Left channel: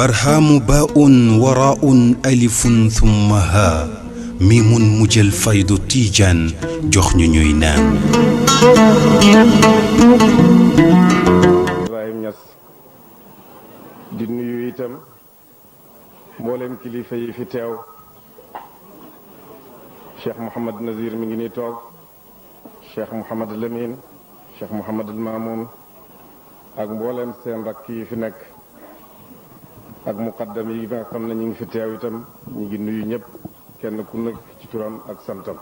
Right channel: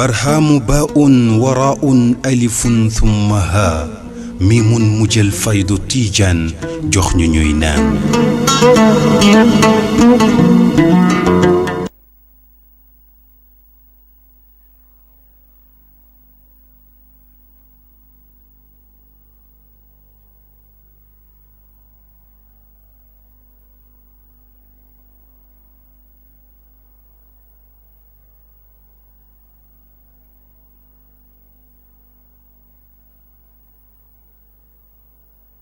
برهام باء وراء ألف ثم ها ميم مجل فيض تيجان جخن نينان di nuyu itam mboolem kilifa yi fi teew Cheikh Mouhamad Nazir mi ngi nii toog Cheikh Mouhamad Lamine Cheikh Mouhamad Mamoun ak mboolem seen rakk yi fi nekk ak muqaddam yi nga xam ne ñu ngi fi teew itam ñu ngi nuyu ñëpp kenn ku nekk ci turam ak santam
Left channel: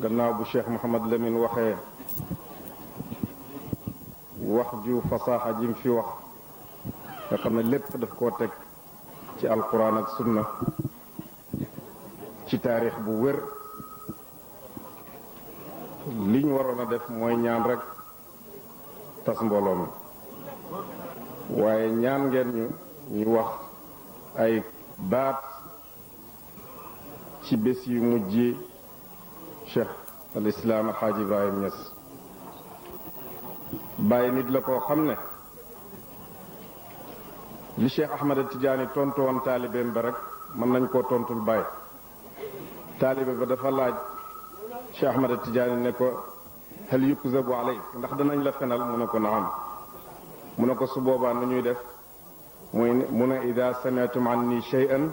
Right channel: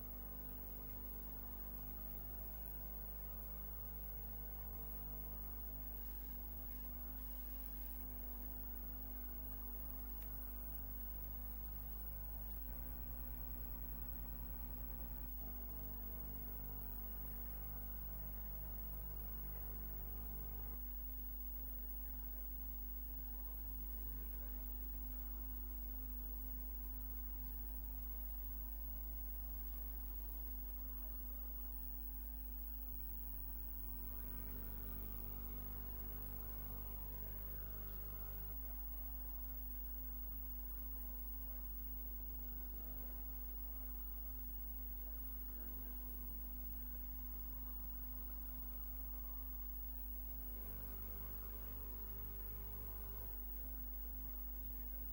gannaaw bu Cheikh Mouhamad Lamine waxee wax ju fasaaxa ji fi wax nga xam ne lépp daf koo teg ci alquran ak sunna ci taarix bu wér li ñu waroon a def mooy ñaan rek tas mbooloo mi waaye ñaan ngeen ñu wax ay baat ci bés yu mujj Cheikh al Islam Alxaaji Ibrahim Niass bàyyi nit la koo xam ne li Cheikh Ahmad Tidiane tontu woon taalibeem ba rek mën nañ koo tontul bàyyi taalibe ba dafa laaj Cheikh Ahmad Tidiane ne ko hal yukzabu alayk ndax danañ la fenal mu ne ko naam mu ne ko su boobaa nu ñuy def mu ne ida sami'tum anni shay'an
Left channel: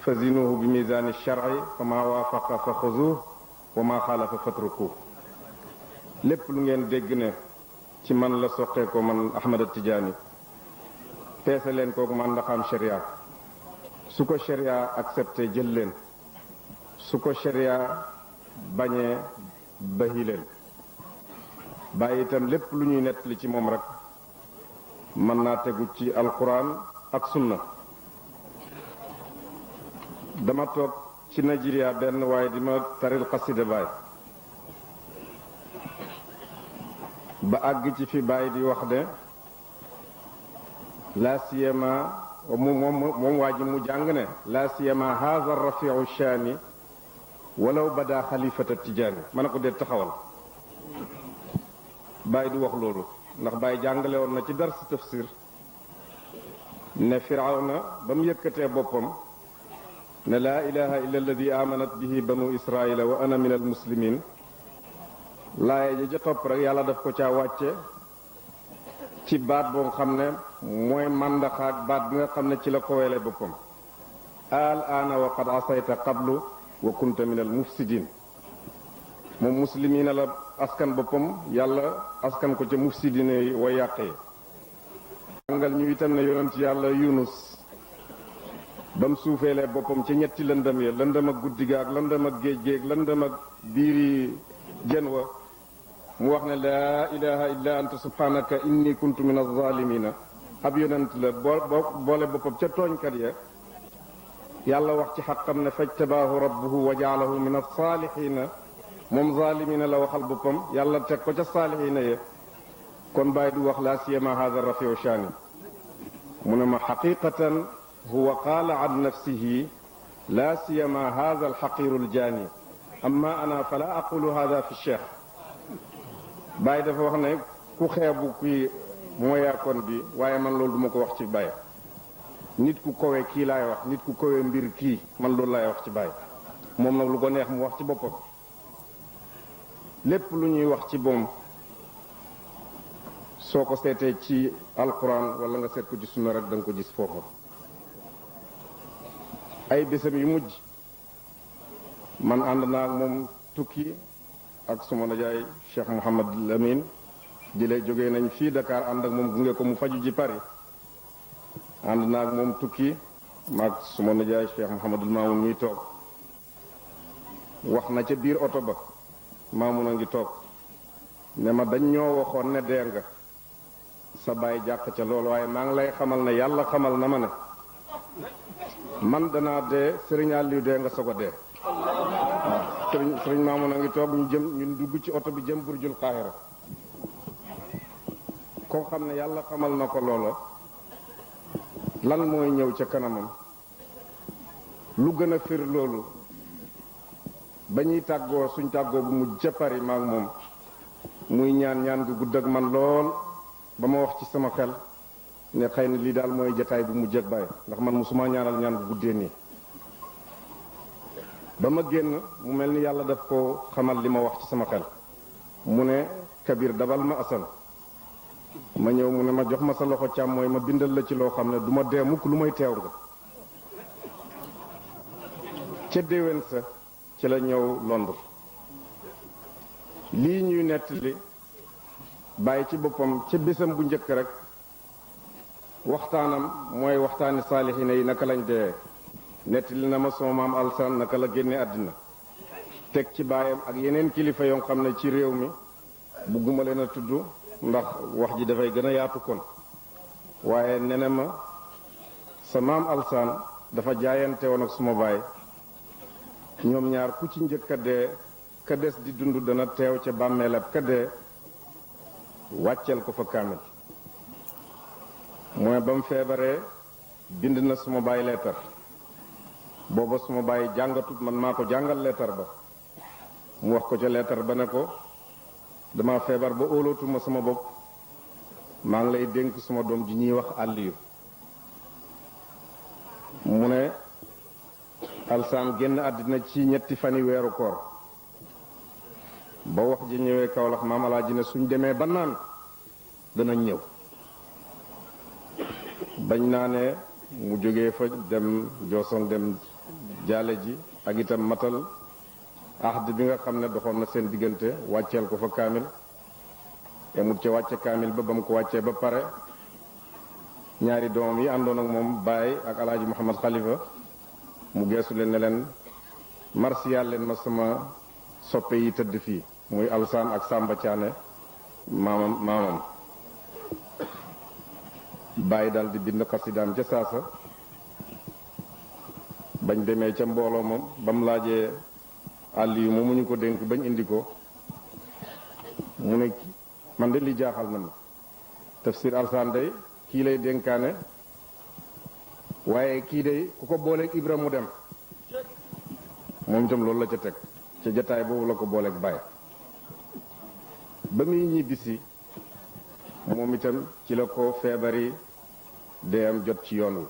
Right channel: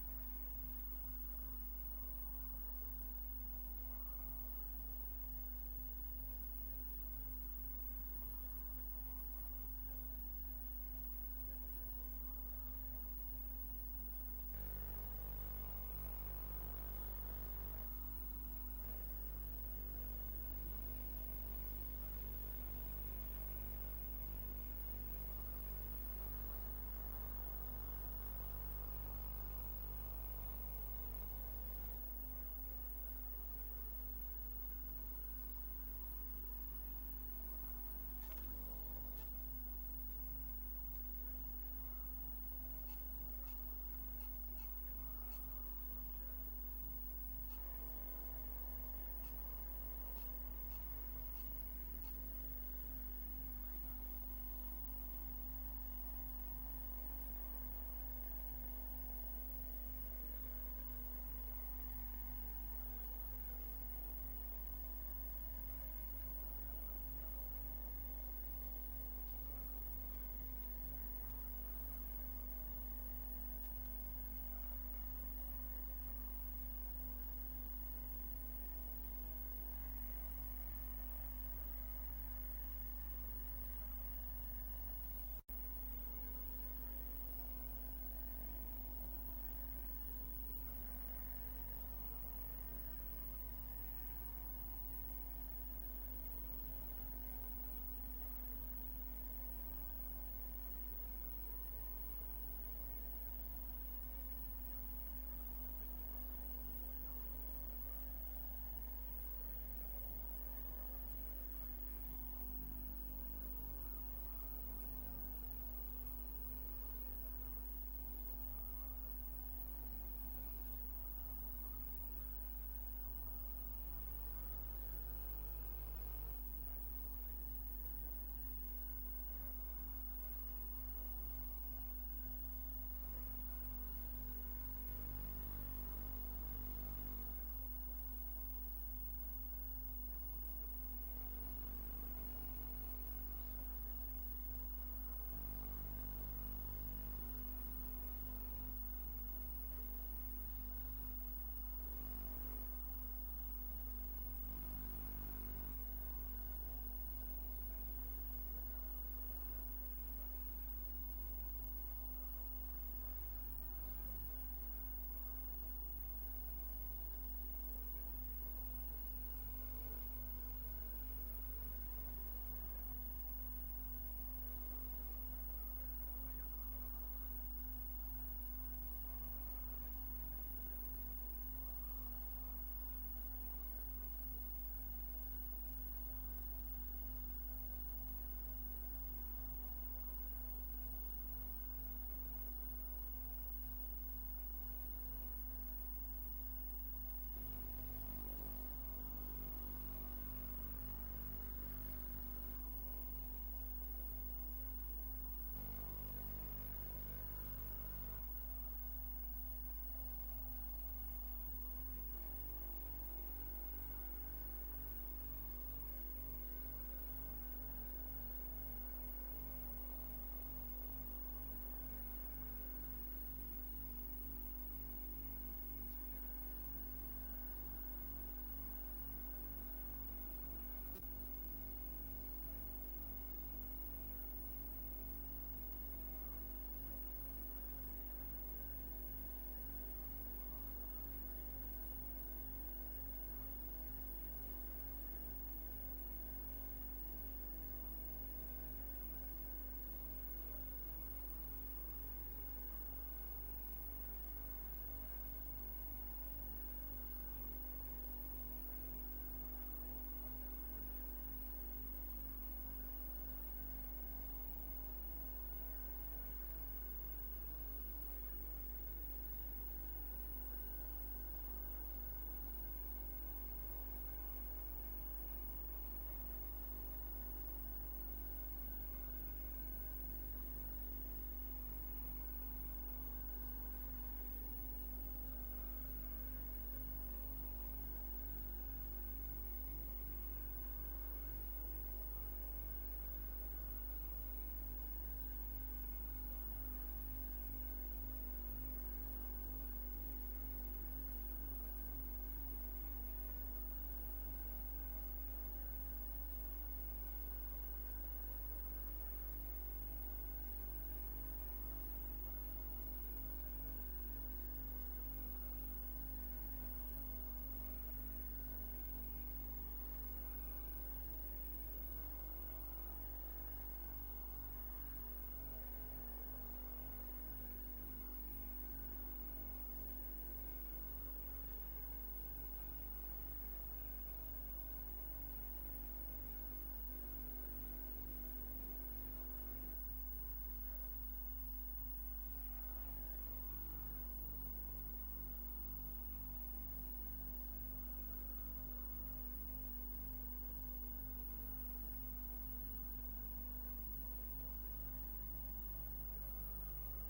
fazinuhu bi mizani shar'i fa ma waafaqa fa xuzuh wa ma xaalafa fatruku lépp lu ngeen dégg ne ci man la soqee ko man Ahmad Tidiane peese leen kooku man ndaxam sharia su ko sharia accepté jël leen su ko sharia bañee bahi leen bàyyi itam lépp lu ñuy nettali ci moom rek mën naa tegu ci alquran ak sunna dama toog ci Nigeria benn waaye di ma taril xasida baay ba àgg ci fi baay di wax de la siyama moom waa ji mu jàng ne la siyama haza rafiu shaani walaw bada xalifata tijaani ma ne ko dee taxawal baay di wax loolu ndax baay jàngale woon na ci dars tafsir ne firawna ba mu yëkkatee boppam ne laa ilaha illa alladi amanat bihi banu israila wa ana min al muslimin laaye ji ja topp rek yàlla daf ko caa wàcce ci baat boo xam ne mooy màndaxaak baat bi nga xam ne ci la ko weele boppam al aana wa qad asayta qablu wa kunta min al mufsidin moom muslimina la askan boppam yàlla askan ko ca mufsidina yi wa yàqee jàngal ñu itam ne yonent yàlla yunus ba mu suufeelee boppam ci ñetti lëndëm ya lëndëm ak guddi ga ak lëndëm ak géej géeg lëndëm ak biiri jën wa mu wax ne laa ilaha illa anta subhanaka inni kuntu min alzalimina ab yonent la boole boppam ca tooñkat ya yàlla wax ci xaqam ne fajtabaahu rabbuhu wa jaalahu min alsaalihina moom zalimina la waxal boppam yàlla teg ko ca saalihina ya kon bàyyi du wax laa siyama hada rafiu shaani mu ne ma xaqiqatan huwa qaala an nafsihi laa siyama hada alxaqiru aljaani amma ana fala aqulu hada fi cheikh Baye dafa wax ne ku xeebu kii mooyaakoon bi waaye man loolu duma ko wax ci Baye nit ku kowe kii laay wax nit ku kowe mbir kii man loolu laay wax ci Baye moom nag lu ko neex mu wax ci boppam lépp lu ñuy wax ci moom soo ko seetee ci alquran wala nga seet ko ci sunna rek da nga ko gis foofu ay bésam yu mujj man ànd naa ak moom tukki ak suma najaay Cheikh Mouhamad Lamine di lay jógee nañ fii Dakar ànd ak moom gunge ko mu faju ji Paris ànd naa ak moom tukki maag suma najaay Cheikh Mouhamadul Mamoun ñuy toog wax na ca biir oto ba Mamoun a ngi toog ne ma dañ ñoo waxoon ne dee nga sa baay jàq ca loolu waaye maa ngi lay xamal ne yàlla xamal na ma ne man danaa dee Sëriñ Aliou dee nga soog a dee sëriñ Mamoun a ngi toog ñu dugg ci oto bi jëm Burjul Qahira koo xam ne yàlla xamal na ko loola lan mooy ñëw ca kanamam lu gën a fir loolu ba ñuy tàggoo suñ tàggoo bu mujj ca Paris maak moom muy ñaan gu gudd ak man lool ba ma wax ci sama xel ne xëy na lii daal mooy jataay bu mujj ak Baye ndax man musuma ñaanal ñaan gu guddee nii ba ma génn mu mel ni yàlla daf ko xamal li ma wax ci sama xel mu ne Kabir dabal ma Assane ma ñëw mu ne ma jox ma sa loxo càmmooy ma bindal la ci loo xam ne du ma dee mukk lu may teew nga ca déwén sa ci la ñëw Londres lii ñuy nettali Baye ci boppam ca bésam bu njëkk rek waxtaanam mooy waxtaani saalixina yi naka lañ dee nettali na ma sama maam Alsaan naka la génne àddina teg ci baayam ak yeneen kilifa yoo xam ne ci réew mi bugguma leen a tudd ndax wax ji dafay gën a yaatu kon waaye nene ma sa maam Alsaan dafa jaayante woon ak suma baay ñoom ñaar ku ci njëkk a dee ka des di dund dana teew ca bàmmeelab ka dee wàcceel ko fa kaamil mooy ba mu feebaree bind na suma baay leetar booba suma baay jàngatut man maa ko jàngal leetar ba mu wax ko ca leetar ba ne ko dama feebar ba óolootuma sama bopp maa ngi lay dénk suma doom ji ñuy wax Aliyu mu ne Alsaan génn àddina ci ñetti fani weeru koor ba wax ji ñëwee Kawlax maam Alaaji ne suñ demee ba naan danañ ñëw bañ naa ne mu jógee fa dem Jooson dem jaale ji ak itam matal ahd bi nga xam ne doxoon na seen diggante wàcceel ko fa kaamil yamut ca wàcce kaamil ba mu ko wàccee ba pare ñaari doomam yi àndoon ak moom Baye ak Alaaji Muhammad Xalifa mu geesu leen ne leen marsiyal leen ma sama soppe yi tëdd fii muy Alsaan ak Samba Thiané maamam Baye dal di bind xasidaam ca saasa bañ demee ca mbooloo moom ba mu laajee Aliyu moomu ñu ko dénk bañ indi ko mu ne man de li jaaxal na ma tafsir Alsaan day kii lay dénkaane waaye kii day ku ko booleeg Ibra mu dem moom itam loolu la ca teg ca jataay boobu la ko booleeg Baye ba muy ñibbisi moom itam ci la ko feebari dee am jot ci yoon wi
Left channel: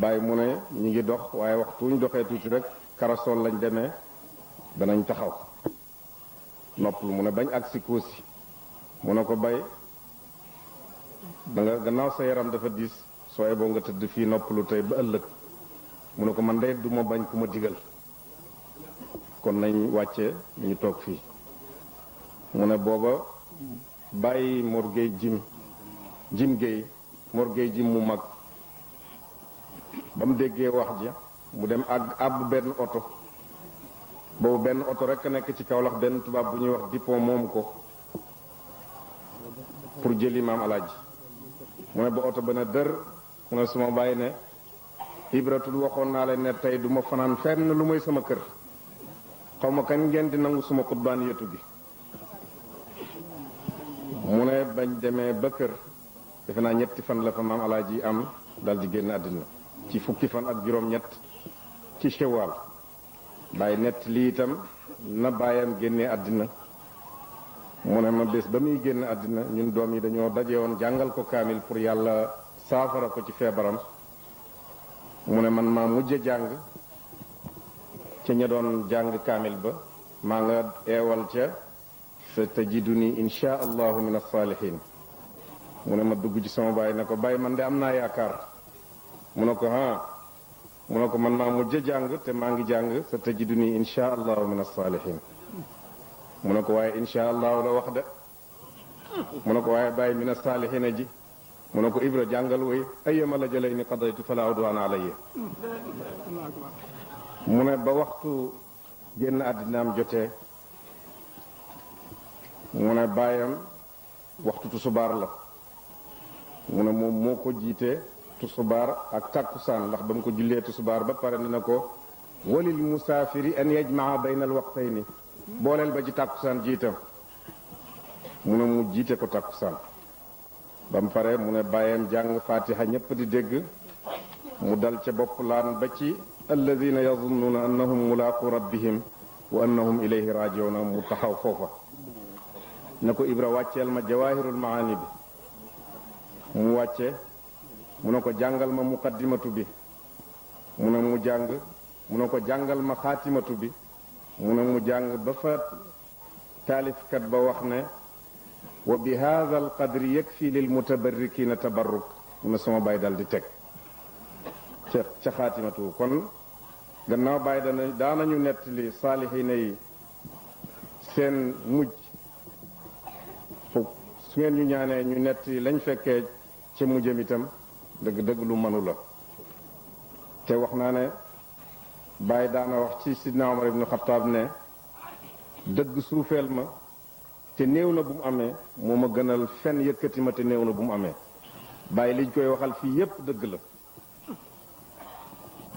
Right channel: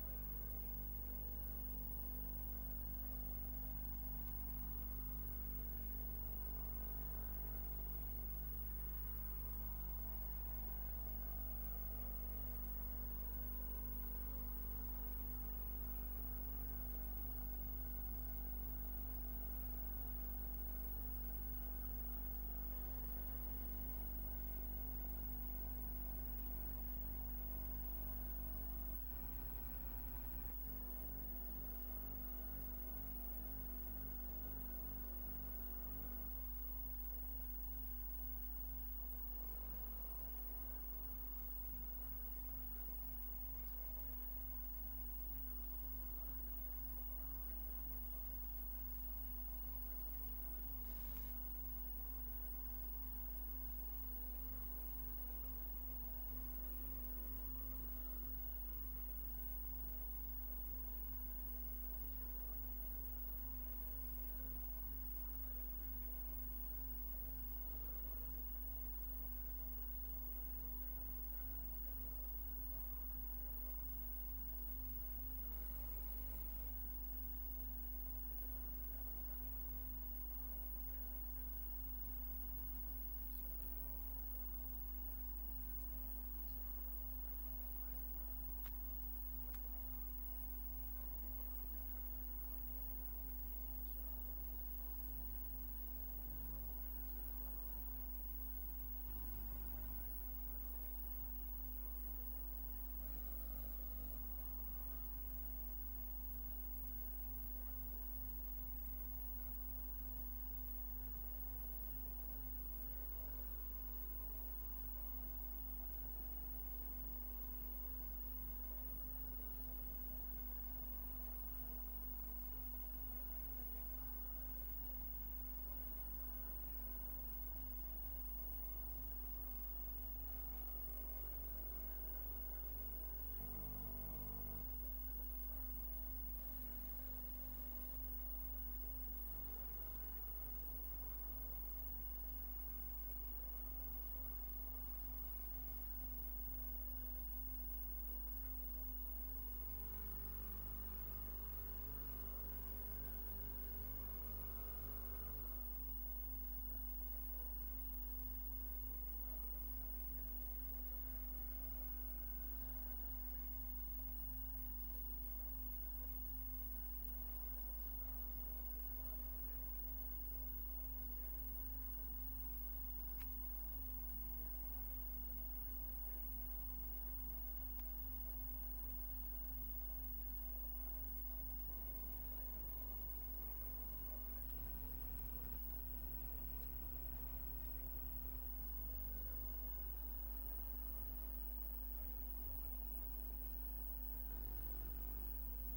Baye mu ne ñu ngi dox waaye waxtu ñu doxee tuuti rek karasol lañ demee danañ taxaw noppalu mu ne bañ agsi Koosi mu ne ko Baye da nga gannaaw sa yaram dafa diis sooy boo nga tëdd fii noppalu tey ba ëllëg mu ne ko man de duma bañ ku ma digal kon nañ wàcce ñu toog fii mu ne booba bàyyi Mor Gueye jim Gueye Mor Gueye jim mu mag ba mu déggee wax ji mu dem àbb benn oto boobu benn oto rek nekk ci Kawlax benn tubaab bu ñuy wax Dupont moomu ko pour jëli maam Alaaji mu ne ba oto ba ne dër mu ne suma bàyyi ne Ibratul waxoon naa leen ne tey du ma fanaan fenn lu may sama kër xaw ma kañ ngeen di nangu suma xutbaan yetu gi mu ne bañ demee ba kër defe naa ñetti fan la fa maam Alaaji am dal di génn àddina ci fukki fan ak juróom-ñett ci Shawwal bàyyi nett lii itam na bàyyam génnee àddina mu ne ma bés ba muy génn àddina ñun doom yi dañoo daje woon jàngal ko kaamil pour yàlla saafara ko ci feebaram mu ne man maa mujj jàng ca ña doon jàng kaamil ba maa nga eewal ca sa tajiduni insha allahu min as-salihin mu ne ma dugg ci sama baay ne ko Baye man de am naa yaakaar mu ne ko mu ne ko man maa mujj jàng te maa ngi jàng sa tajiduni insha allahu min as-salihin mu ne ko waaye insha allahu la wax de mu ne ko waaye Baye min as-salihina ji mu ne ko Ibra jàngal woy ayyama la jëlay ni qadaytu fala udwana alayya mu ne ba waxtu génn àddinaam jotee mu ne baayam waxtu tusubaar la mu ne moom moo ko jiite tusubaar ak tàkkusaan ndax ba mu ko jullee tusubaar ba pare dina ko walil musaafiri an yajmaa bayna al waqtayni booleel ba ci tàkkusaan jiitam mu ne mu jiite ko tàkkusaan ba mu pare mu ne bàyyam jàng fatiha ñépp di dégg mu dal ca bopp laan ba ci alladina yazunnuuna annahum mulaaqu rabbihim wa annahum ilayhi raaji'uuna mu taxaw foofa ne ko Ibra wàcceel ma jawaahirul maani bi mu wàcce mu ne ko jàngal ma muqaddimatu bi mu ne mu jàng mu ne ko jàngal ma xaatimatu bi mu ne mu jàng ba fa taalifkat ba wax ne wa bi haadha al qadri yakfi lil mutabarrikina tabarruk mu ne sama bàyyi dal di teg ca xaatimatu kon gannaaw bàyyi daanañu nettali saalixiina yi seen mujj su ngeen ñu ñaanee ñu nettali lañ fekkee ca mujjam itam dëgg-dëgg lu mënu la te wax naa ne bàyyi daana wax ci sidna Omar ibnu Xataab ne dëgg suufeel ma te néew na bu mu amee moo ma gënal fen yëkkati ma te néew na bu mu amee bàyyi liñ koy waxal fii yépp dëgg la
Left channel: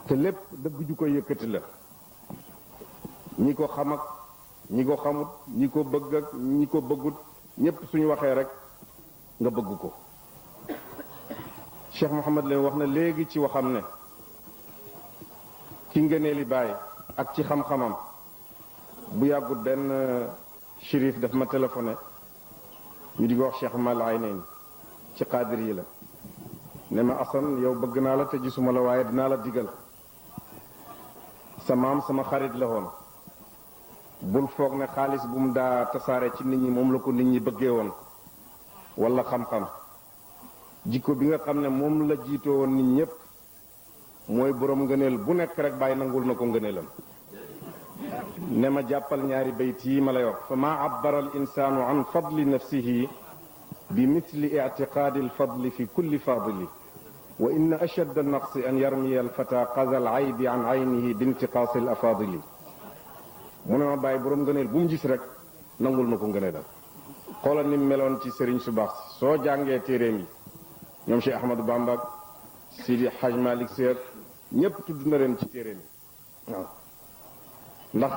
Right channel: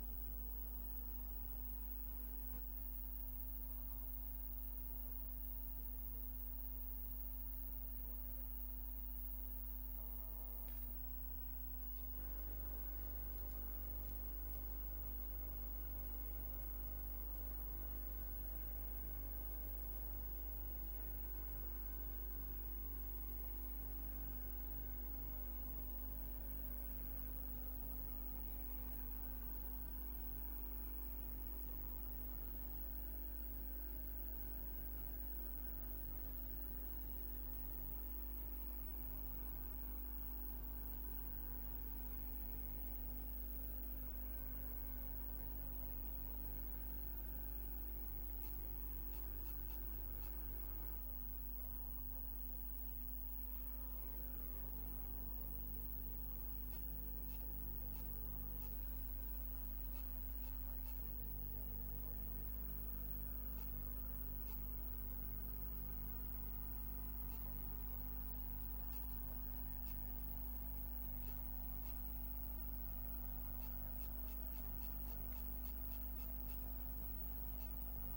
te lépp dëgg ju koy yëkkati la ñi ko xam ak ñi ko xamut ñi ko bëgg ak ñi ko bëggut ñépp suñu waxee rek nga bëgg ko Cheikh Mouhamad leen wax na léegi ci waxam ne ci ngëneeli Baay ak ci xam-xamam bu yàggut benn shérif daf ma téléphoné ñu di ko wax Cheikh Mal Aynayn ci xaadir yi la ne ma Asan yow bëgg naa la te gisuma la waaye dinaa la digal sa maam sama xarit la woon bul foog ne xaalis bu mu daa tasaare ci nit ñi moom la ko nit ñi bëggee woon wala xam-xam jikko bi nga xam ne moom la jiitoo woon nit ñépp mooy boroom ngëneel bu nekk rek bàyyi nangul na ko ngëneelam ne ma jàppal ñaari bayt yi ma lay wax fa maa abbara al insaanu an fadli nafsihi bi misli ictiqaadi alfadli fi kulli fadili wa inna ashadda naqsi an yarmiya alfata qaza al aybi an aynihi bi intiqaasi al afadili mu ne ma bàyyi boroom ngëneel bu mu gis rek nangul na ko ngëneelam xoolal ni mu meloon ci sëriñ su baax soo jàngee téeréem yi ñoom Cheikh Ahmadou Bamba Sidi Haj Malik Seer ñépp tudd na leen ci téeréem yi waaw ndax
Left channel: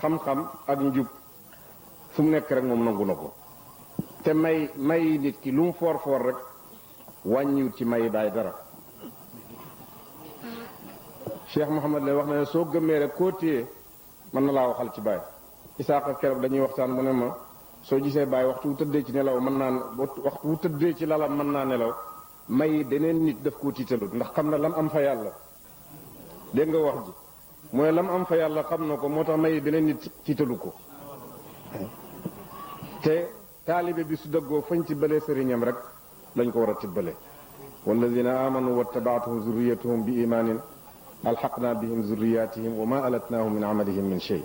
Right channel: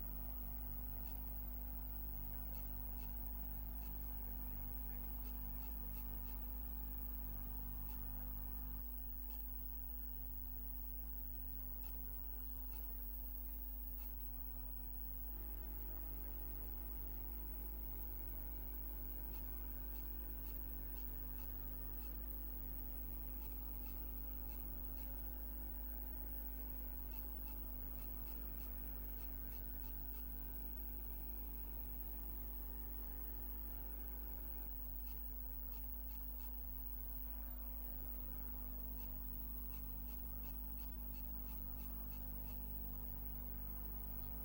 xam-xam ak njub fu mu nekk rek moom nangu na ko te may nit ki lu mu foor foor rek wàññiwut ci may Baay dara Cheikh Mouhamad leen wax na ne soo gëmmee rek koo téye mën na laa waxal ci Baay Isaaka keroog dañuy waxtaan mu ne ma soo gisee Baay waxtu wu tëddee ci nelaw mën naa waxtu wu tëddee ci lalam mën naa nelaw may deneen nit daf koo tiitalut ndax xam na lam am fa yàlla dégg nga wax ji mooy lam am fa yàlla xam na ko moo tax may beneen nit tiitalu ko te taalibe bi su dëggoo fañ ci bëlee sëriñam rek lañ ko war a tibbale walladina amanu wattabaatuhum zurriyatuhum bi imaanin alxaqna bihim zurriyatihim wa ma alatnaahum min amalihim min shay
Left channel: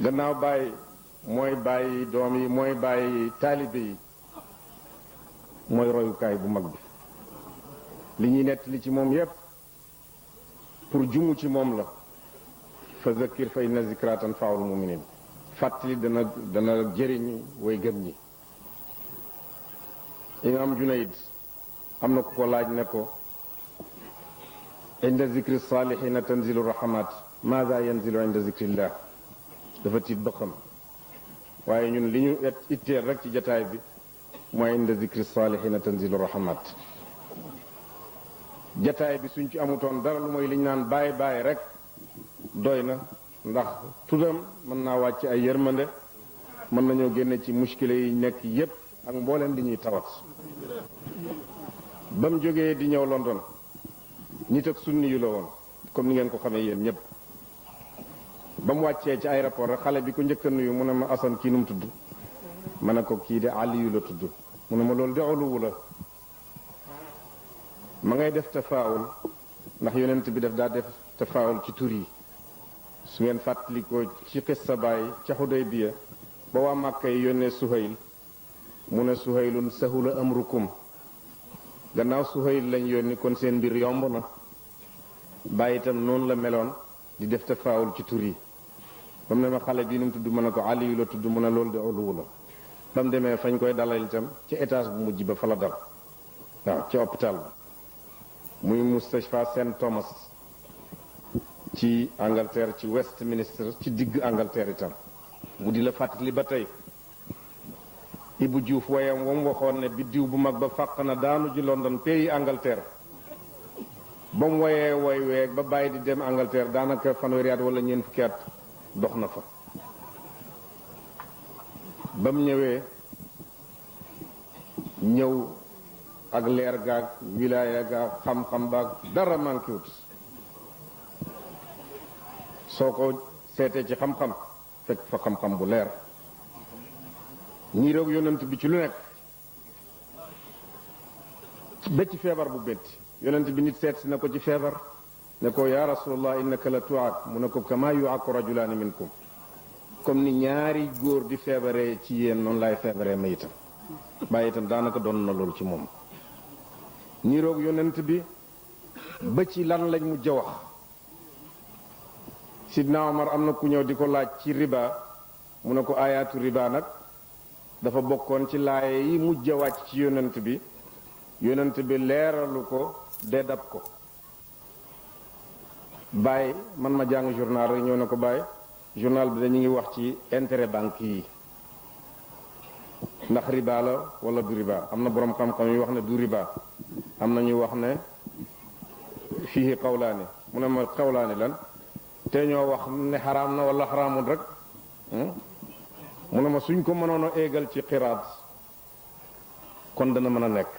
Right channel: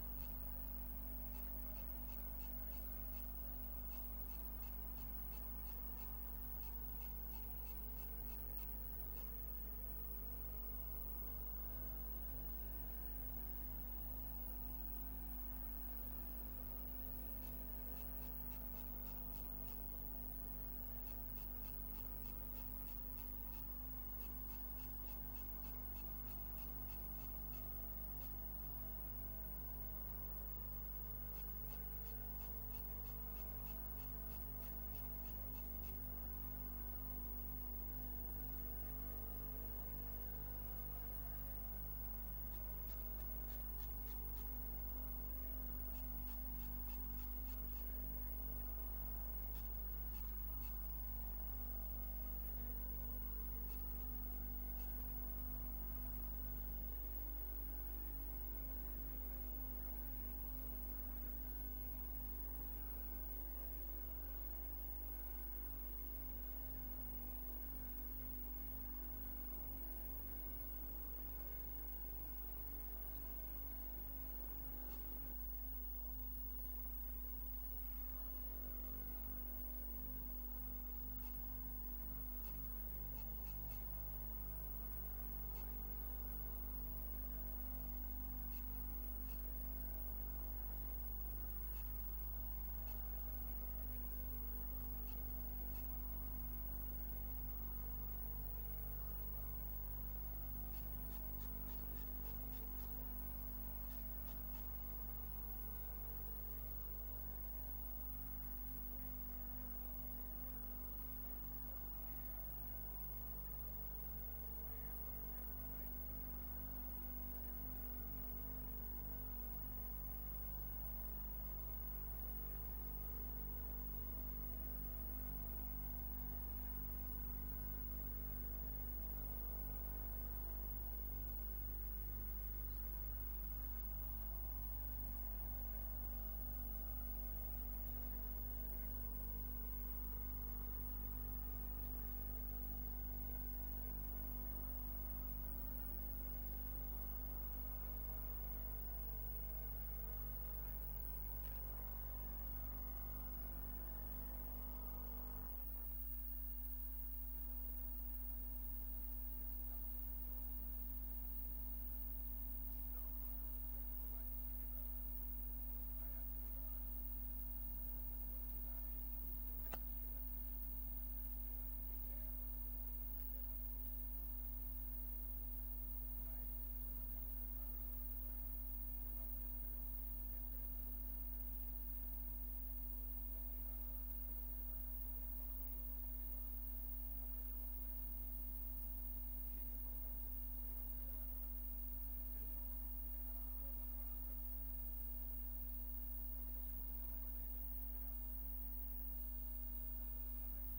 gannaaw bàyyi mooy bàyyi doom yi mooy bàyyi taalibe yi mooy royukaay bu mag bi li ñuy nettali ci moom yépp pour jumu ci moom la fa zakkir fa inna zikra tanfa'ul mu'minin fàttali dana jëriñ way gëm ñi imam Junayd am na ku ko laaj ne ko inda zikri salihina tanzilu rahmat maza yanzilu inda zikrillah dafa tiit ba xam waaye ñun li ñu itteel rek ci jataay bi mooy inda zikri salihina tanzilu rahmat jataay bi suñ ci amutoon dara lu mooy li ñu naan bàyyi bàyyi rek doy na ndax tuddam mën naa wàcc ay yërmande mën nañoo génne ci muskile yi nekk yépp ak mbooleem li ñuy tawat ba mu jógee di ñëw London nit ak sunni yu la woon comme ni ngeen ko xamee yéen ñépp ba mu wàccee ci aéroport rek xale bi ko njëkk a nuyu mu ne ma Asan kii nu mu tudd ma ne ko kii de Aliyu la tudd mu ne ma loolu de uluwu la ma ngay def tafaawul ndax yonent bi daf daa def tafaawul ci tur yi su ngeen fàttalikoo ci xissa Baay ca Xudaybiya ba waa Màkka yi yónnee Suhayl mu ne Suhaylun sahula amrukum gannaaw Suhayl lañ yónni kon seen mbir yomb na Baay itam noonu la meloon di def tafaawul ci tur yi ba mu ne ma xale bii nu mu tudd mën a ko Aliyu la tudd mu ne loolu de uluwu la ba mu demee fañ koy dalal itam ci étage bu mujj ba fa la dal waaw ci hôpital ba muy Mustashfa St Thomas ci Angleterre ci Westminster ci digg Angleterre itam bu di la fàttali ba tey Ibu Diouf wayam wam waxoon ne biddiw bu mag ba fàq na daanu ji London pays Angleterre ba mu woyee woy weeg ba bàyyi di dem Angleterre daanaka fanweeri at wala ñeent fukki at dox na fa. ba mu ñëw ak leer gaag wilaaya gaag xam-xam baag dara manqué wut soo ko seetee ci xam-xam fekk fa xam-xam bu leer ñii roog yonent bi ci lu nekk ba ci feebar bu métti yonent bi nit seet si na ko ci feebar ne ko yaa rasulallah innaka la tuaak mu ne ko kama yuaku rajulaani minkum comme ni ñaari góor di feebaree ci yéen noonu laay feebaree ma itam bàyyi itam daanaka doon na loolu ci moom ñii roog yonent bi ba ci lan lañ mujj a wax sidna Omar am na ku ñëw di ko laaj ci riba mu ne ko ayaatu riba nag dafa bokkoon ci laaye yi mujj a wàcc ci yonent bi leeralu ko dab ko bàyyi man ma jàng journal rek ñëw na ko bàyyi journal bi dañu ngi wax ci intérêt banque yi ndax riba la wala du riba am na boroom xam-xam yu wax ne du riba am na ñu wax ne fii xawlaani mu ne ma xawlaani lan te ñoo wax ne xaraam na wala xaraamul rek mu ne ma suñ ko mënoon a éegal ci xiraat kon dana mën a nekk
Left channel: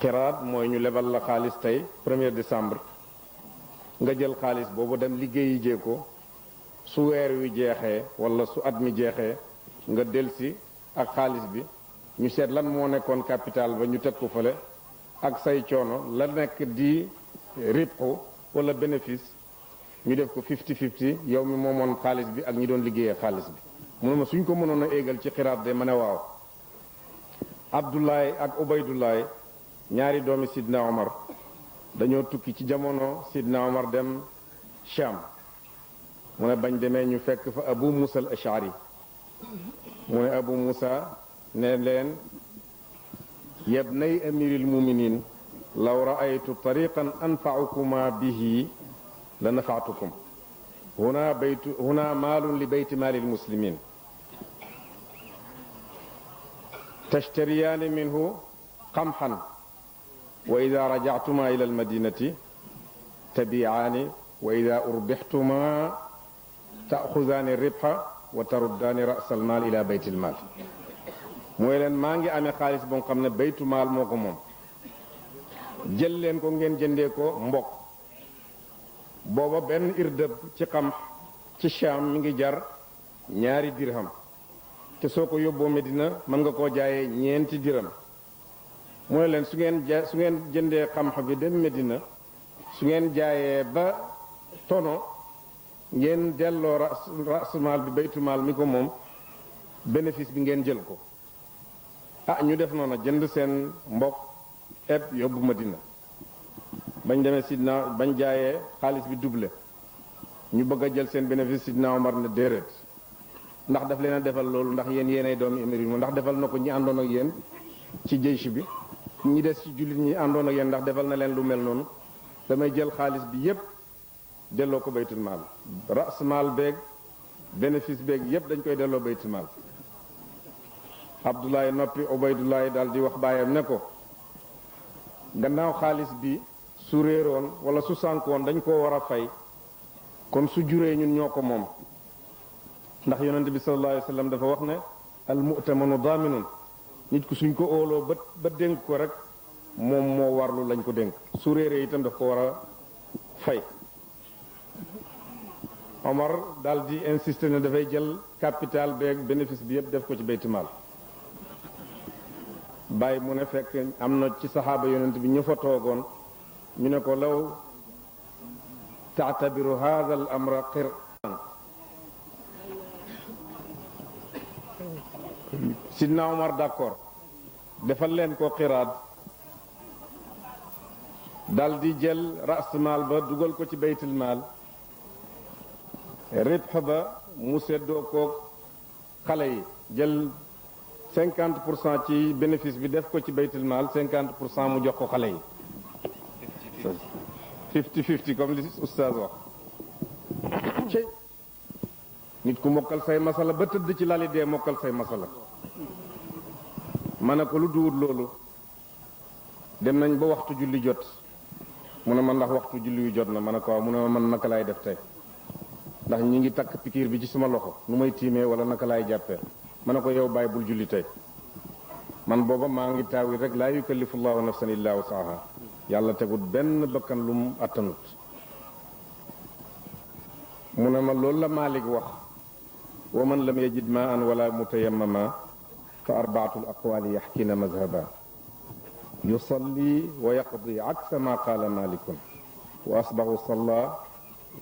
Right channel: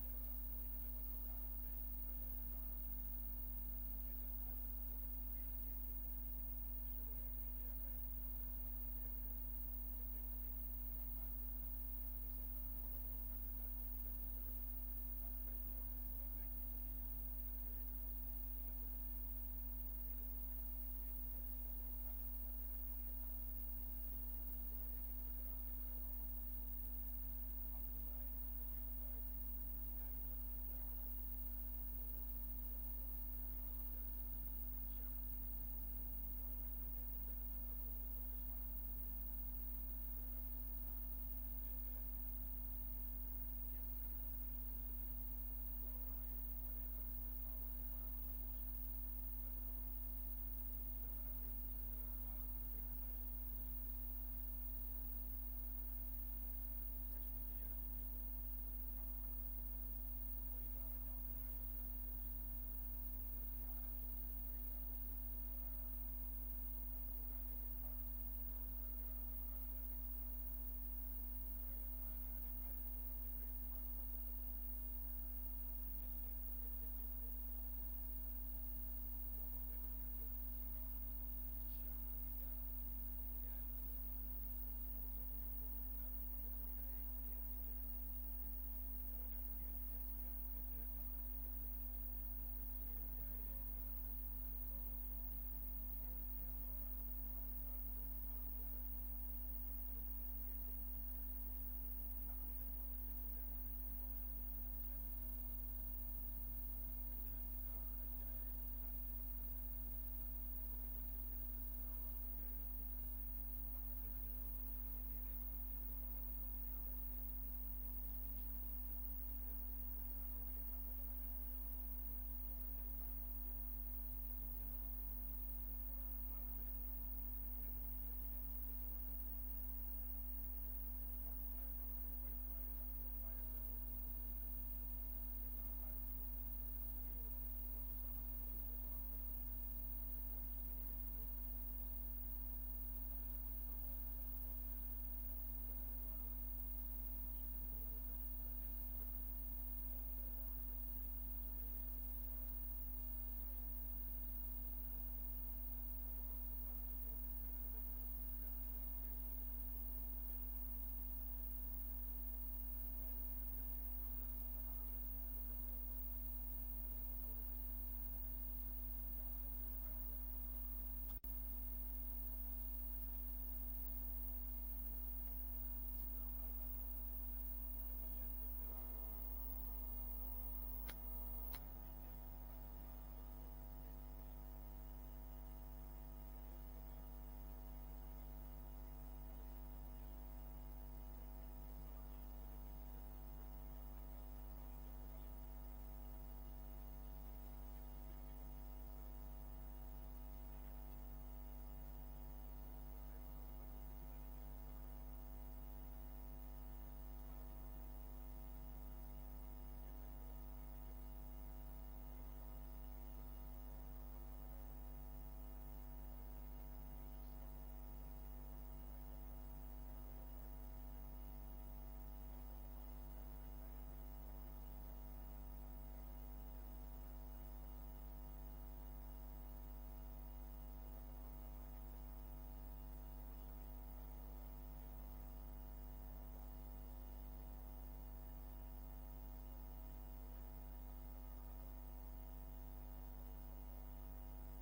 xiraat mooy ñu lebal la xaalis tey 1er décembre nga jël xaalis boobu dem liggéeyi jee ko su weer wi jeexee wala su at mi jeexee nga delsi ak xaalis bi ñu seet lan moo nekkoon capital ba ñu teg ko fële ak say coono la nekk di ribxu wala bénéfice ñu def ko 50-50 yow mi moomoon xaalis bi ak ñi doon liggéeyee xaalis bi mu ne ma suñ ko mënoon a éegal ci xiraat de ma ne waaw Abdoulaye ak Ubaydullaay ñaari doomi Sidna Omar dañoo tukki ci jamono Sidna Omar dem Sham mu ne bañ demee ñu fekk fa Abu Musa al Ash'ari mu ne Abu Musa ne leen yabnay amiril muminin law ra'aytu tariqan anfa'ukuma bihi la nafa'tukum huna maalun li bayti maalil muslimin tashtariyaani minhu qamhan wa ida rajactuma ila almadinati tabicaani wa ida urbixtuma taaxudaani ribxa wa taruddaani ras almaal ila bayt almaal mooy leen maa ngi amee xaalis boo xam ne baytu maal moo ko moom jël leen ko ngeen jëndee ko mbokk booba benn irdëb ci xam ci Shaam mi ngi jar 2 dirham te soo ko yóbboo Medina mën nga koo jaayee 4 dirham mu ne leen su ngeen jëndee xam-xam bi dem Medina su ngeen jaayee ba tono ngeen delloo rasumaal bi baytumaal mi ko moom bénéfice bi ngeen jël ko ñu def noonu jënd seen mbokk eb yóbbu Medina bañ demee Sidna bañ jaayee xaalis bi doublé ñu bëgg a jël seen bénéfice Sidna Omar ne déedéet ndax daf leen a defal loolu ndax yéenay doomi émir yi ndax defal na ko ñi àndoon ak yéen ci jeysh bi ñi des ci jullit ñi àndoon ak yéen ndax defal na leen lu mel noonu damay jël xaalis bi yépp delloo ko baytul maal ras maal beeg bénéfice beeg yépp dañ koy delloo baytul maal Abdoulaye noppi Ubaydullahi daal di wax baayam ne ko gannaaw xaalis bi su réeroon wala su sànkoon dañ koo war a fay kon su juree ñun ñoo ko moom ndax yonente bi sallallahu alayhi wa sallam dafa wax ne al mu'tamanu daaminun nit ku suñ ko óoloo ba dénk ko rek moom moo warlu lañ ko dénk su réeree itam daf ko war a fay Omar daal di insister ne dafay jël capital beeg bénéfice bi yépp def ko ci baytumaal bàyyi mu ne fekk am na ci saxaaba yonent bi ñu fa toogoon ñu ne ko law taatabiru hada al amra qir'an Sidna Omar d'accord defal leen ko xiraat dal di jël rasmaal ba dugal ko ci baytul maal ribx ba mu seddoo koog xale yi jël 50% ci bénéfice bi def ko ci baytul maal 50% mu jox ko xale yi 50-50 comme li oustaz wax ci nit ku mokkal say masala ba tëdd ci lali dee mokkal say masala ma ne ko lu duwut loolu dem nañ ba waxtu julli jot mu ne ma ndax waxtu julli wi jot na ma ne ko waaw mu ne ma man naka laay def tey ndax ñi ngi takk pikiir bi ci suma loxo nu may tiimee wala naka laay jàppee ma ne ko yow bàyyi bul julli tey man booba maa ngi taawi rek laa yukallifu llahu nafsan illa wusaha yàlla tegut benn bakkan lu mu attanut mu ne ma loolu la Malik wax wa man lam yajid ma an wala mutayammama fa arbaatul aqwaali yaxkina mazhaba yusalli wa yaqdi aksa ma qaala malikun wa asbahu salla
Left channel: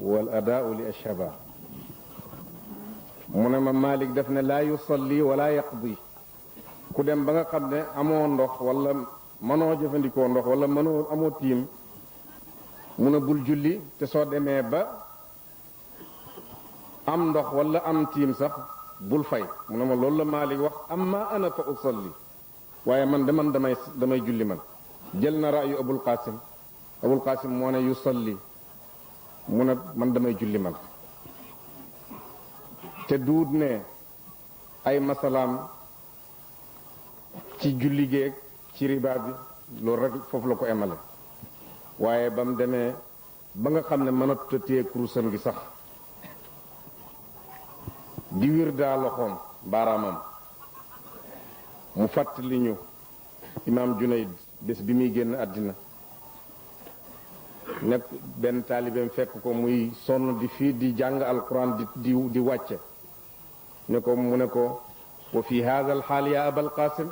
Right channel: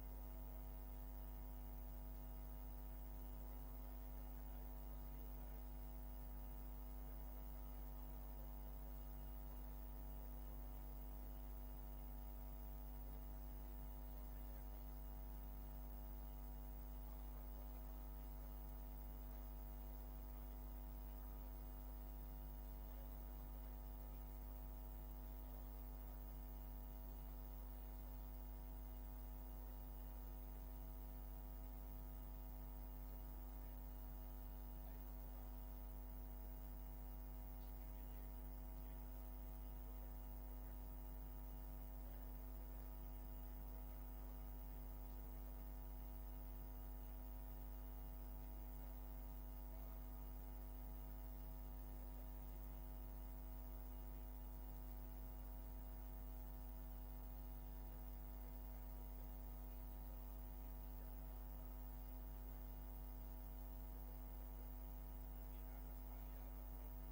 wal adaau li ashhaba mu ne ma Malik def ne laa yusalli wala yaqdi ku dem ba nga xam ne amoo ndox wala mënoo jëfandikoo ndox wala mënoo amoo tiim mu ne bul julli te soo demee ba am ndox wala am tiim sax bul fay mu ne ma loolu la Malik wax amma ana fa usalli waaye man damay julli man jël na raayu Abul Qasim moo ne yusalli mu ne man damay julli man te duut ne ay masalaam ci julli géeg ci riba bi loolu rek foofu la ko emale waaye ba mu demee ba nga xam ne mënatut a téye kurusam gi sax di wir daa loxoom baaraamam mu fàttali ñu imaam Junayd bés bi muy génn àddina nekk benn taalibeem fekk ko muy sonn di fii di jàng alquran di wàcce ne ko mu ne ko wa fi haada al xaal ya abal qasim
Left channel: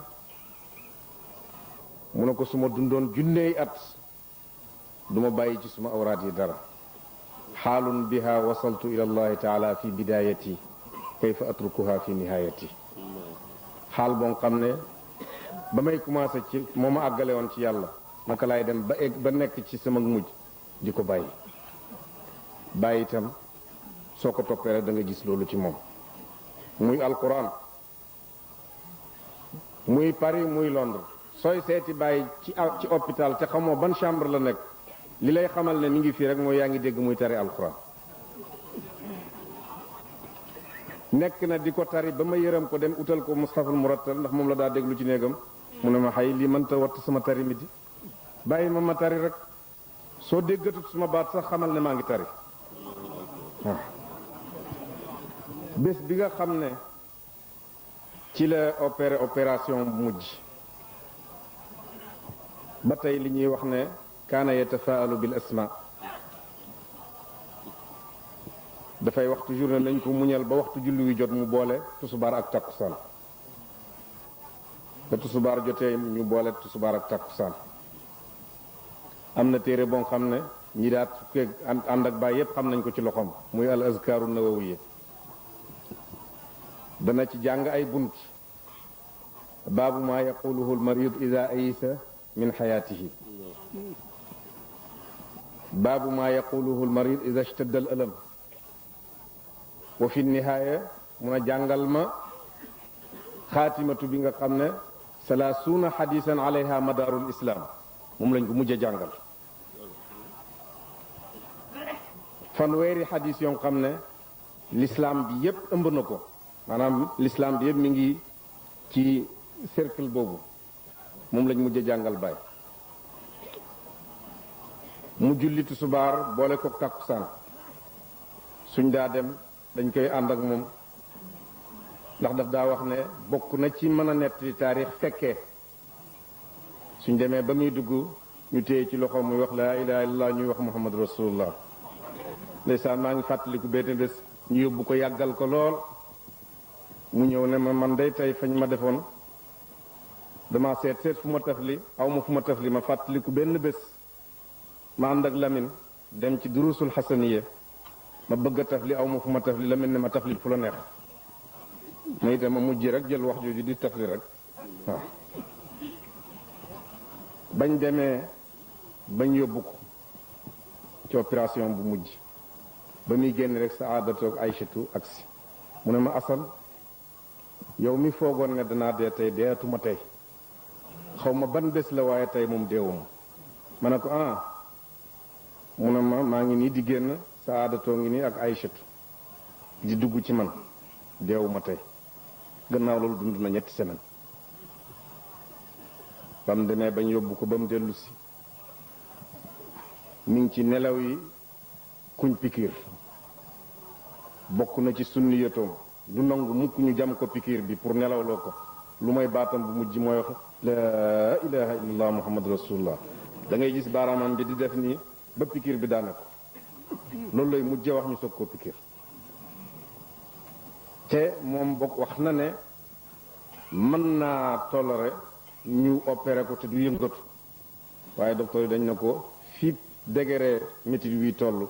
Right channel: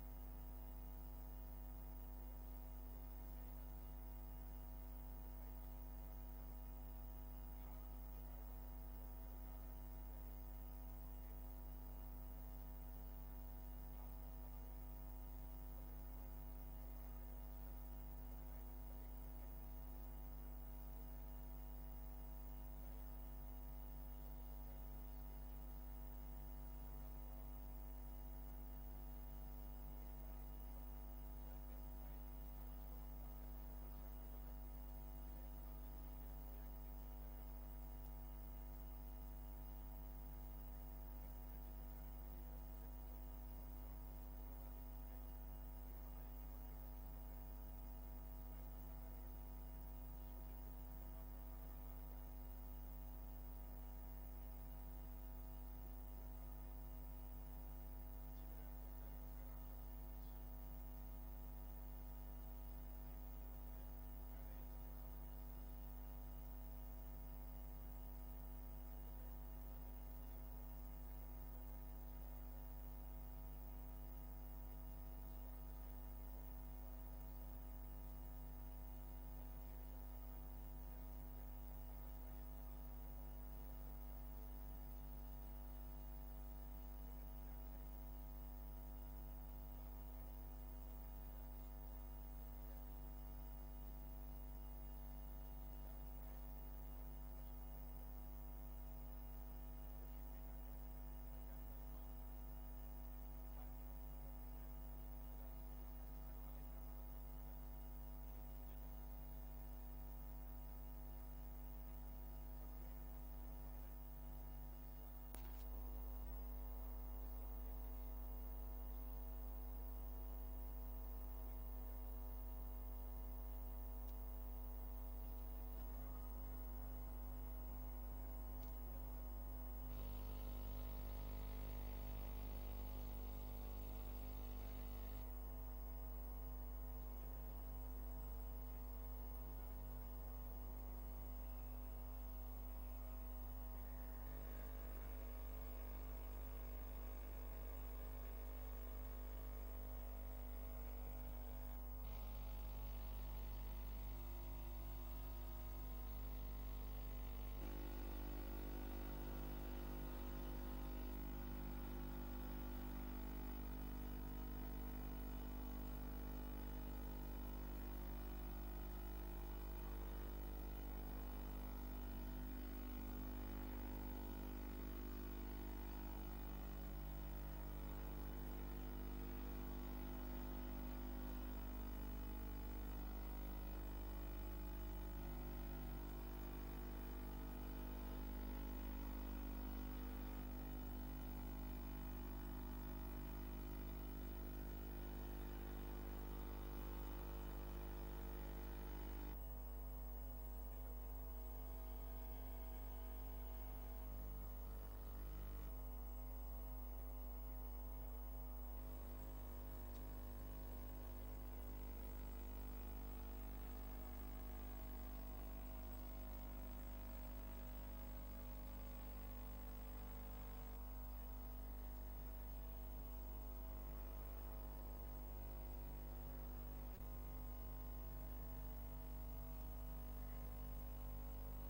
mu ne ko suma dundoon junneey at duma bàyyi ci suma awraat yi dara xaalun biha wasaltu ila allahi taala fi bidayati kayfa atrukuha fi nihayati xaal boo xam ne ba may commencé ci moo ma àggale woon ci yàlla naka laay dem ba nekk ci sama mujj di ko bàyyi itam soo ko toppee rek da nga gis loolu ci moom muy alquran muy Paris muy Londres sooy seeti bàyyi ci hôpital te xamoo ban chambre la nekk li lay xamal ne mi ngi fii rek mooy yaa ngi dégg muy tari alquran nekk na di ko tari ba ma yërëm ko dem utal ko mushaful murattal ndax moom la daa déglu ci néegam mu ne ma xay lii mënta watt sama tari mi di bàyyi ma tari rek soo déggatut suma baat sax xamal ne maa ngi tari waaw bés bi nga xam ne ci la opération mujj ba tey li ñuy wax ne kaana yatafaalu bil asma dafay wax toujours ne nañ ko muñal ba waxtu julli wi jot mu boole tusubaar ak takkusaan ba tusubaar jotee ñu boole tusubaar ak takkusaan am na téere boo xam ne ñi daat fukkeeg ànd ak baay yépp xam nañ ko ci loxoom muy al azkaaru nawawiya dana ci jàng ay bunt baabu maa yaquluhu al marid ida ayisa min xayaatihi baabu maa yaquluhu al marid ida ishtadda al alam wa fi nihaaya mun a jàngal ma xaatimatu bi nga xam ne salaasuuna xadisan alayha madaarul islaam moom lañ ko mujj a jàngal fanweeri xadis yoo xam ne l'islam bi yépp ëmb na ko maanaam l'islam bi yépp mi ngi ci cercle boobu moom lañ mujj a jàngal baay mu julli tisbaar boole ko takkusaan suñ daa dem dañ koy ànd ak moom ndax daf daa wax ne bokk na ci mën a nettali taarix fekkee suñ demee ba muy dugg ñu téye ci loxo muy wax laa ilaha illallah ñuy wax muhammad rasulullah ndeysaan maa ngi fàttaliku benn bés ñu yóbbu ko yàggal ko lool mu ñëw ne ma man day tey fañ ma defoon dama seet fu ma tafli aw ma fu ma tafli ma fàttaliku benn bés ma ànd ak Lamine dem ci durusul xasaniya ma bëgg a tafli aw ma fu ma tafli Lamine ne ma tafli fu la neex ma itam ma mujj rek jël wax jooju di tafli rek waaw bañ demee bañ yóbbu ko ci opération bu mujj ba muy génn rek sa aadatoog Aysatu agsi mu ne ma asal yow mi foogoon ne danaa dee tey deetuma tey xaw ma ban bés la waaye tey moom deewuma ma ne ko mu ne ma maa ngi nii di génn sa aadatoo ngi nii ak Aysatu di dugg ci man deewuma tey gannaaw loolu dund na 3 semaines ba mu demee bañ yóbbu ko ba mu dellu si mi ngi ci nelaw yi kuñ pikiir bokk na ci sunni yatoom du nangu mukk ñu jam ko pikiir bi pour nelawloo ko lu may baatam bu mujj mooy wax la ilaha illallah muhammad rasulullah da ngay gis baaraamam bi di def nii ba pikiir bi daane ko loolu lay mujjee wax ñu soog koo pikiir te moom bokk wax na ne mën naa toléré ñu opéré ko te du yëngatu waaye docteur yi dañ ne ko fii degré métit wi toll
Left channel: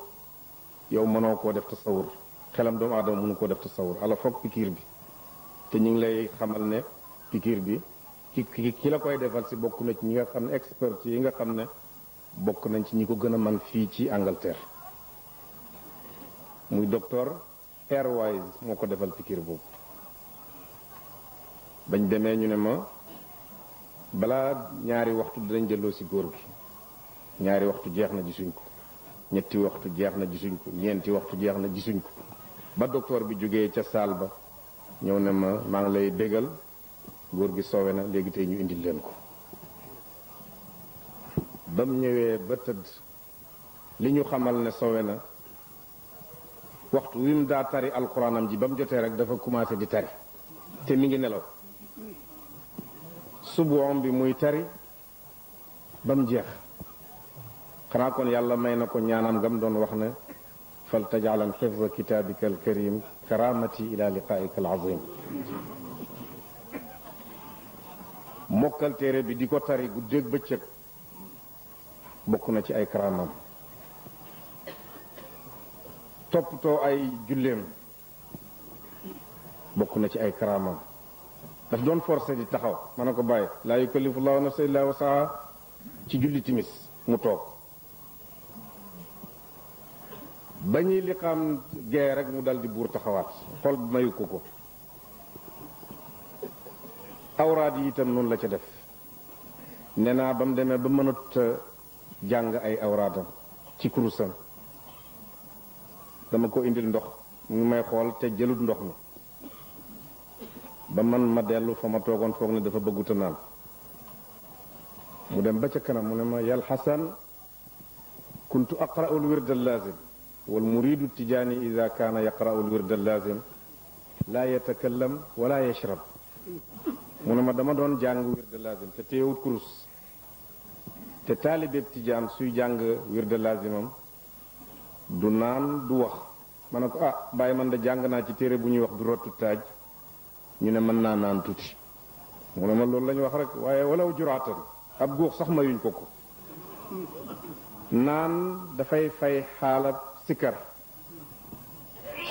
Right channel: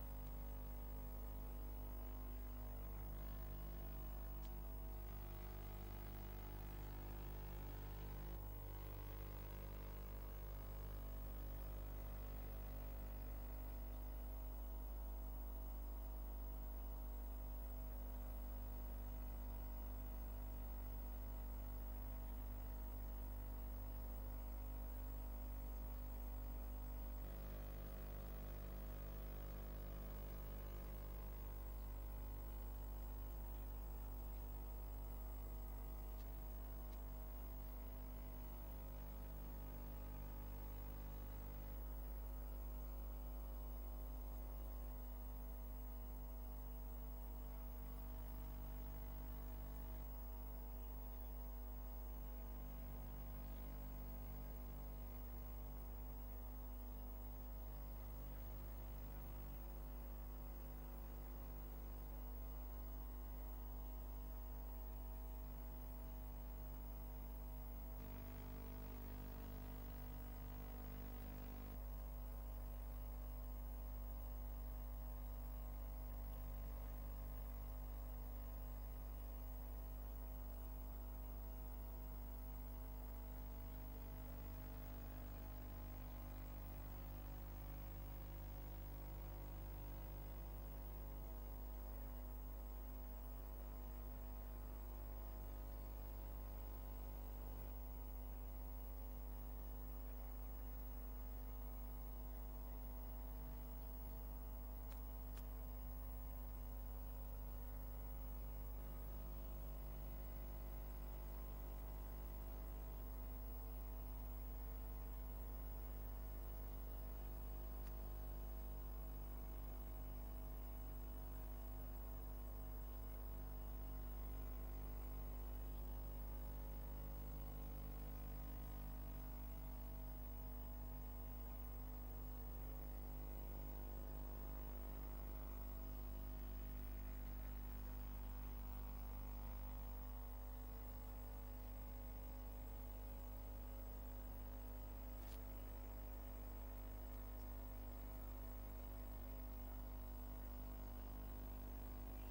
yow mënoo koo def tasawur xelam doomu aadama mënu koo def tasawur ala foog pikiir bi te ñu ngi lay xamal ne pikiir bi ki la koy defal si bokk na ci ñi nga xam ne expert yi nga xam ne bokk nañ ci ñi ko gën a man fii ci Angleterre muy docteur Airwise moo ko defal pikiir boobu bañ demee ñu ne ma balaa ñaari waxtu dinañ delloo si góor gi ñaari waxtu jeex na gisuñ ko ñetti waxtu jeex na gisuñ ko ñeenti waxtu jeex na gisuñ ko ba docteur bi jógee ca saal ba ñëw ne ma maa ngi lay bégal góor gi sowe na léegi tey ñu indil leen ko ba mu ñëwee ba tëdd li ñu xamal ne sowe na waxtu wi mu daa tari alxuraanam ji ba mu jotee rek dafa commencé di tari te mi ngi nelaw suboom bi muy tari ba mu jeex xanaa kon yàlla may na ko ñaanam gam doon wax ne fal tajaalan xifza kitaabika alkarim karamati ila liqaika alazim mokkal téere bi di ko tari guddeeg bëccëg bokk na ci ay karamam toppatoo ay julleem bokk na ci ay karamam daf doon forcé di taxaw ma ne ko bàyyi laa yukallifu llahu nafsan illa wasaha ci julli timis mu toog ba ñuy liqaam gee rek mu dal di buur taxawaat xol bi mayu ko awraad yi itam noonu la ca def nee naa ba mu demee ba mënut jàng ay awraadam ci kurusam dama ko indil ndox mu ngi may xool te jëlut ndox mi ba man ma dellu fa ma toogoon foog ne dafa bëgguta naan mu dem ba ca kanam mu ne ma yal xasan kuntu aqra'u al-wird al-lazim wal muridu tijaani ida kaana yaqra'u al-wird al-lazim laa yatakallam wala yashrab mu ne ma dama doon jàng wird al-lazim te teewut kurus te taalibeeb tijaan suy jàng wird al-lazimam du naan du wax ma ne ko bàyyi man da jàng naa ci téere bu ñuy wax du rottu taaj ñu ne mën naa naan tuuti mu ne ma loolu la ñu wax rek waaye walaw juraatan ab góox sax mayuñ ko naan dafay fay xaalab sikkar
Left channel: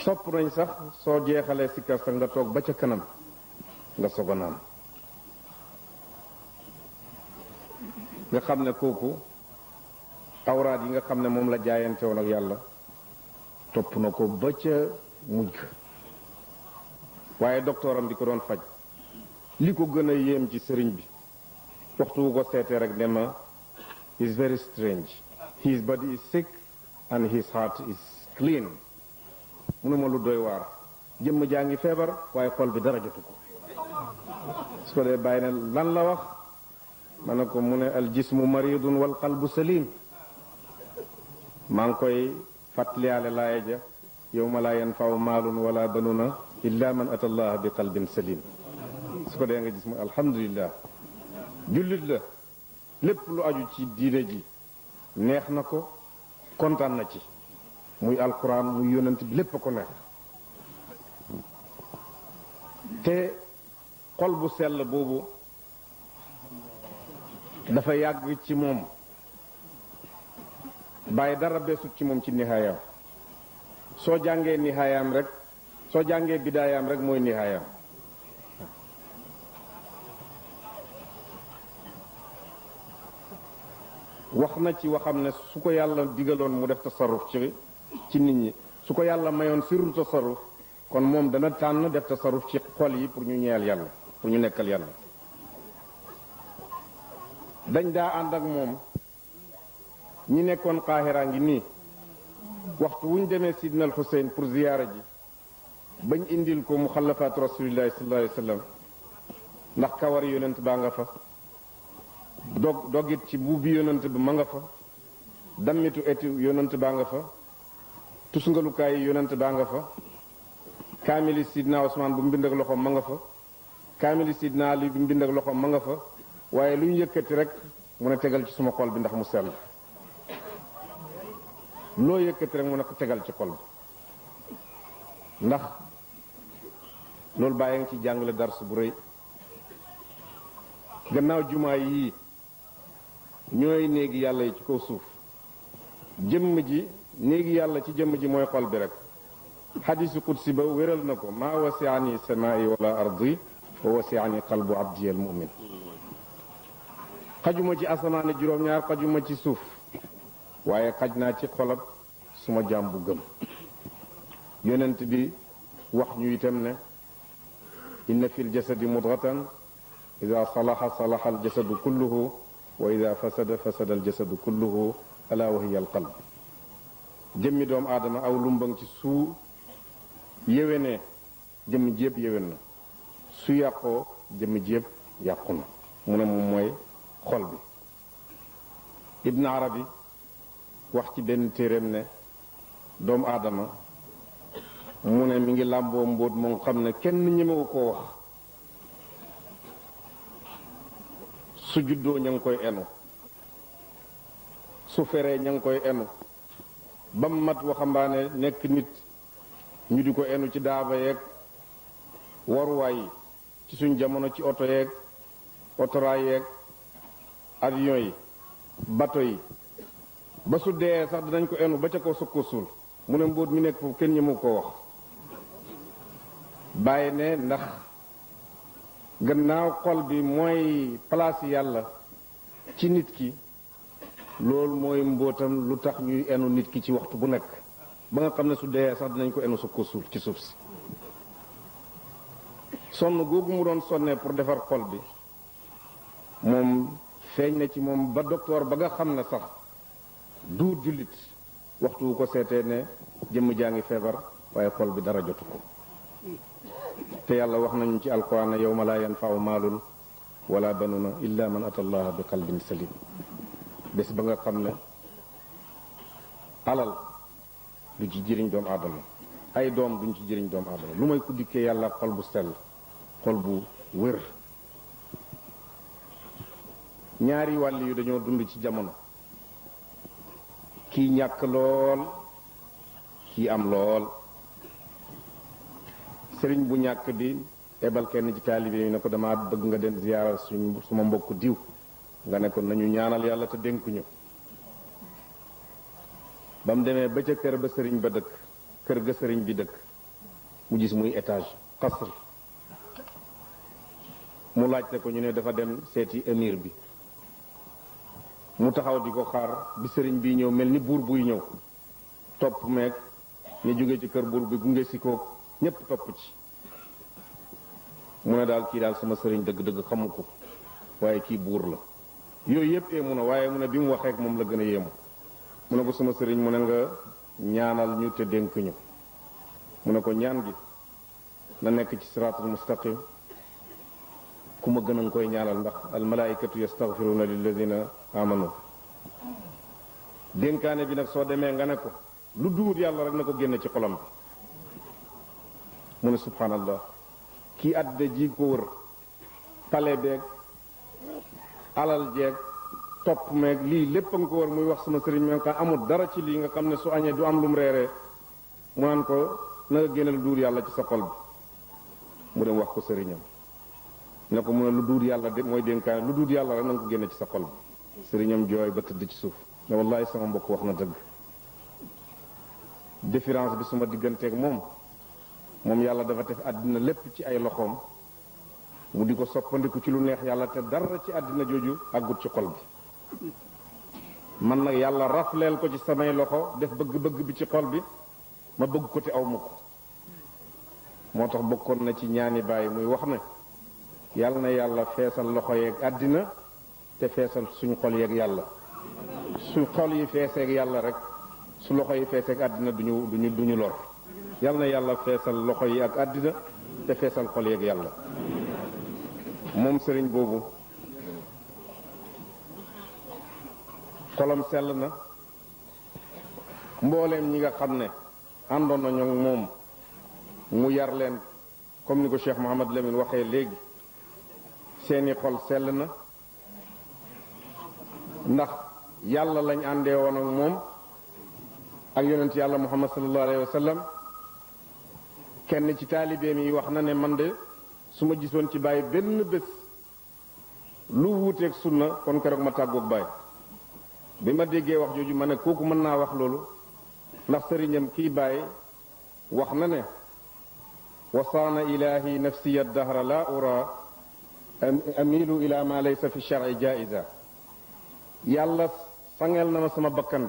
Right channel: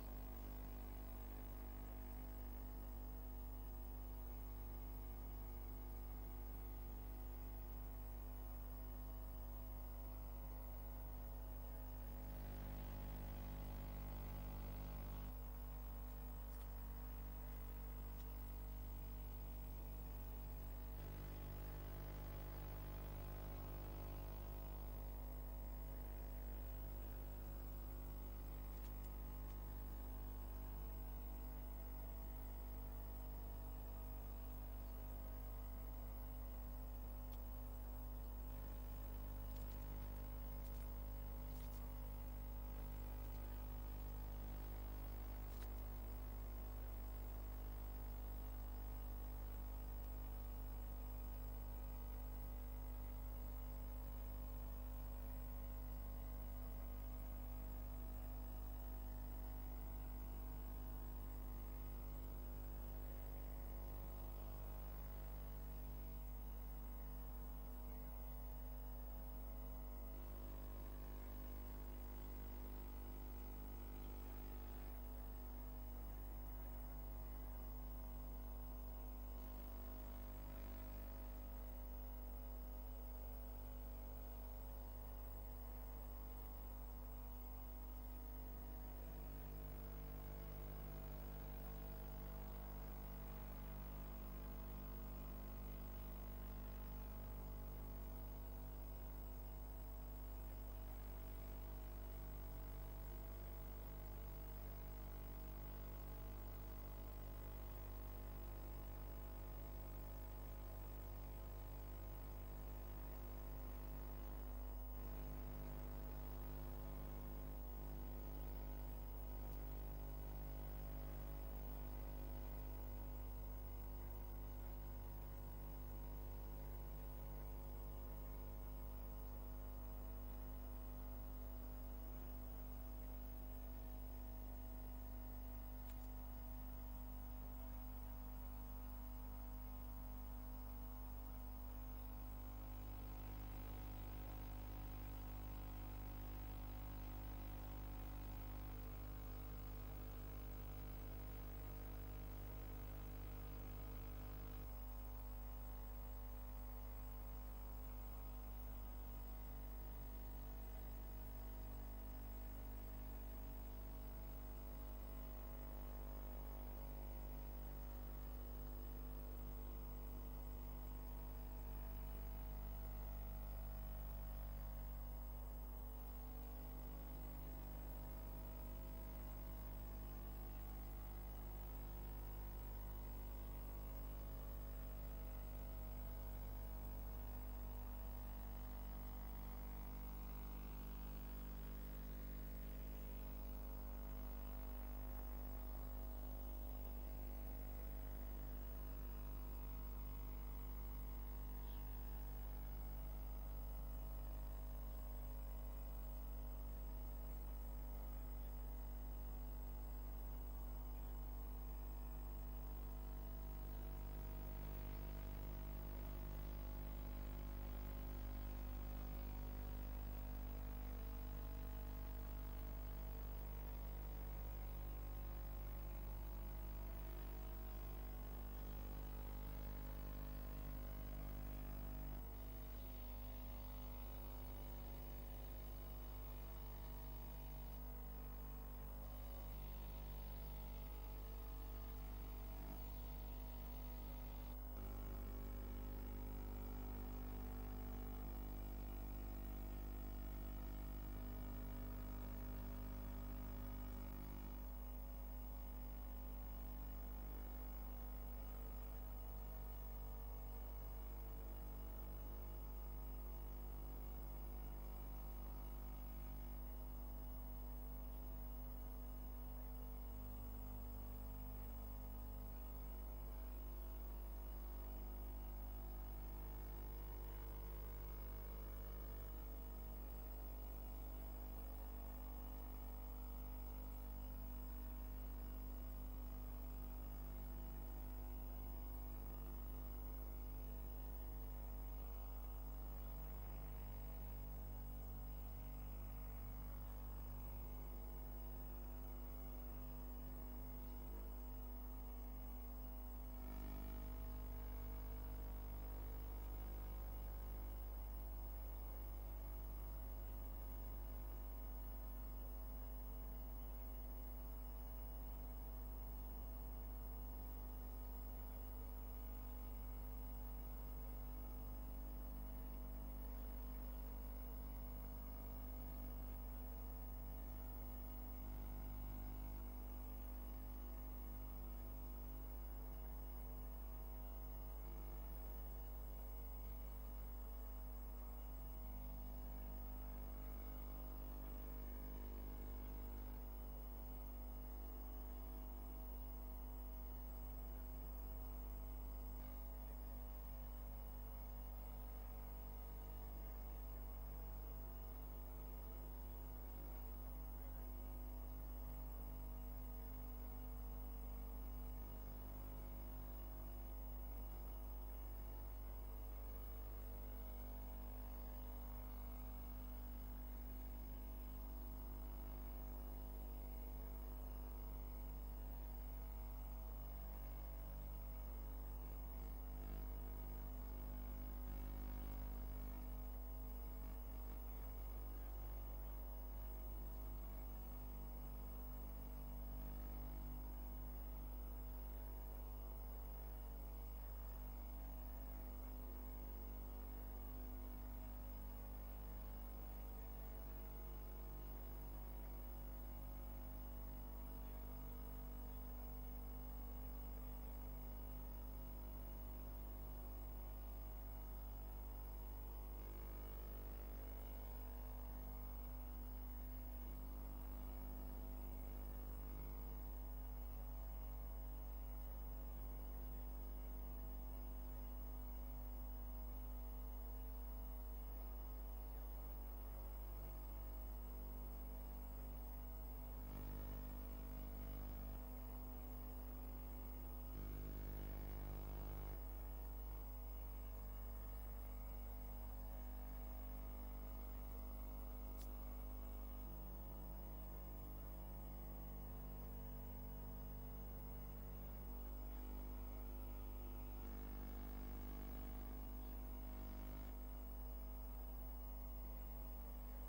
sopp nañ sax soo jeexalee sikkar sax nga toog ba ca kanam nga soog a naan nga xam ne kooku awraat yi nga xam ne moom la jaayante woon ak yàlla topp na ko ba ca mujj waaye docteuram bi ko doon faj li ko gën a yéem ci sëriñ bi waxtu wu ko seetee rek ne ma is very strange his body is sick and his heart is clean mu ne ma lu doy waar jëmm jaa ngi feebar waaye xol bi dara jotu ko su ko dee bàyyi ne lan la wax ma ne ko mu ne al jismu maridun wal qalbu salim maa ngi koy fàttaliyaale laaya ja yawma laa yanfau maalun wala banuna illa man ata allah bi qalbin salim su ko dee nga gis mu alhamdulillah jullit la lépp lu aju ci diine ji neex na ko kontaan na ci muy alquran muy yonent bi lépp a ko neex te xol bu sell boobu dafa yàgg ci moom bàyyi dara beesut ci moom ci nihaayam soo jàngee nihaayam rek soo jàngee bidaayaam rek mooy nihaayam wax na ci waxam ne su ko yàlla digaloon mu def tasarruf ci nit ñi su ko yàlla mayoon sirru tasarruf kon moom dana tànn def tasarruf ci xol yi pour ñu ñeel yàlla pour ñu nekkal yàlla dañ daa ànd ak moom ñi nekkoon Qahira ngi nii waxtu wuñ demee Sidna al Xuseyn pour ziyaara ji bañ indil ko muxallafaat rasulillahi sallallahu alayhi wa sallam ndax kawar yonent baa nga fa dogit ci buubi yonent bi ma nga fa dammitu eti yonent baa nga fa tusngalukaay yi yonent baa nga fa kaamili sidna Usmaan bu mbind ak loxoom ma nga fa kaamili sidna Ali bu mbind ak loxoom ma nga fa waaye lu ñu yëkkati rek mu ne tegal ci suma xol bi ndax mu sell loo yëkkati rek mu ne ko tegal ci xol bi ndax loolu bàyyi nga ci jàngale dars bu rëy gannaaw jumaa yii ñooy néegi yàlla yi ci kaw suuf jëmm ji néegi yàlla ci jëmm ji mooy xol bi rek xadiisu qudsi ba wéral na ko maa wasiani samaa'i wala ardi wa wasiani qalbu abdi al mu'min xajuma ci asamaane juróom-ñaar xajuma ci suuf waaye xaj naa ci xolab suma jaam bu gëm yonent bi wax ñu itam ne inna fi ljasadi mudghatan ida salaha salaha aljasadu kulluhu wa ida fasada fasada aljasadu kulluhu ala wa hiya alqalb jëmmi doomu aadama aw lumbang ci su yéwénee jëmm ji yëpp yéwén na su yàqoo jëmm ji yëpp yàqu na mu ne moom mooy xol bi Ibn Arabi wax ci benn téeréem ne doomu aadama mu ne mi ngi làmboo mbóot moom xam ne kenn ñemewu koo wax su juddoo ña ngi koy enu su feree ña ngi koy enu ba mu mat waxambaane nekk nit ñu di ko enu ci daaba yeeg waruwaay yi ci suñ jamono ci oto yeeg otoraay yeeg avion yi bato yi ba su dee sax dinañ ko enu ba ca kaw sukko suul mu ne mbóot mi nekk foofu kenn ñemu ko wax bàyyi ne ndax gannaaw xol bi mooy place yàlla ci nit ki loolu mooy mbóotam lu tax ñuy enu nit ki ci waxtu bu nekk ba nga xam ne su dee sax dinañ ko enu sukko suul ci suuf si sonn googu mu doon sonnee pour defar xol bi moom feeñ na ci moom ba docteur ba nga xam ne sax duur jullit waxtu wu ko seetee ne jëmm jaa ngi feebar waaye xol bi dara jotu ko te yàlla wax nañu ci alquran ne yawma laa yanfa'u maalun wala banuna illa man ata allaha bi qalbin salim bés ba nga xam ne alal du ci jëriñ doomu aadama ay doom duñ ci jëriñ doomu aadama lu may ku dikkee yàlla xol bu sell xol bu wér ñaari wàll yu dañoo dund ci jamono kii ñàkk lool kii am lool sëriñ bu ñàkk di ebal kenn ci taalibe yi ne ko dama bëgg nga dem ziyaara suma mbokk diw nga ne ko nañu ñaanal yàlla te dénkuñu ba mu demee ba ca kër ba sëriñ ba dëkk kër ga sëriñ bi dëkk mu gis muy étage xasr mu laajte ko ñu ne dafa dem seeti émir bi mu taxaw di ko xaar bi sëriñ bi ñëw mel ni buur buy ñëw topp meeg ñu jóge ci kër buur bi gunge si ko ñépp topp ci mu ne daal kii daal sama sëriñ dëgg-dëgg xamu ko waaye kii buur la yooyu yépp mu ne waaye mu ne bi mu waxee ak moom la gën a yéemu mu ne ko sama sëriñ mu ne nga ñaanal ñu te dénk ñu mu ne ko ñaan gi na nekk ci siraatul mustaqim ku ma gën a koy ñaanal ndax al malaikatu yastaghfiruna lilladina amanu dénkaane bi nag soo demee nga ne ko lu duut yàlla rek na ko génne ci xolam bi mu ne subhanallah kii àddina ji ko wër pale beeg alal jeeg topp meeg lii lépp a nga ko wër muy wax sama sëriñ me ka amul dara ci lii nga xam ne su añee du am lu mu reeree mu naan ko na nga génne lu duut yàlla ci sa xol bi mu dem wax ko sëriñam ne ko mu ne lu duut yàlla de mooy dénkaane lu duut yàlla rek na nga ko génne ci sa xol bi sëriñam jooy ba tëdd ci suuf ne wallahi sama mbokk wax na dëgg différence bi suma digganteeg moom yàlla dafa def àddina lépp ci ay loxoom mu di ko soppandiku ci lu neex yàlla te dara ci àddina jooju àggut ci xol bi man nag yàlla rafleel ko ci samay loxo def bëgg-bëgg bi ci xol bi ma bëgg ko te aw ma ko moo tax bokkoon na ci ñaani bàyyi muy wax ne yàlla na yàlla feesal loxo yeeg àddina te feesal suñu xol yeeg yàlla su xol yi feeseeg yàlla rek su loxo yi feeseeg àddina duñu lor yàlla na yàlla feesal loxo yi ak àddina te feesal xol yeeg yàlla moom sëriñ boobu xolam sell na mbooleem ñi nga xam ne àndoon nañu moom mu yar leen comme ni ko Cheikh Mouhamad Lamine waxee léegi seeni xol sell na ndax yàlla lañ àndee woon ak moom ak yonent yàlla Muhammad sallallahu alayhi wa sallam kenn ci taalibeem yi wax na ne man de su ma gisoon ci Baay benn bés lu wuuteeg sunna kon keroog ma tàggoog Baay bi ma déggee wax jooju ma ne kooku mën naa wax loolu ndax sëriñam kii Baay wax na ne wasaana ilahi nafsiya dahra la ura amilu ila ma laysa fi shar'i jaiza yàlla sangel na ma sama bakkan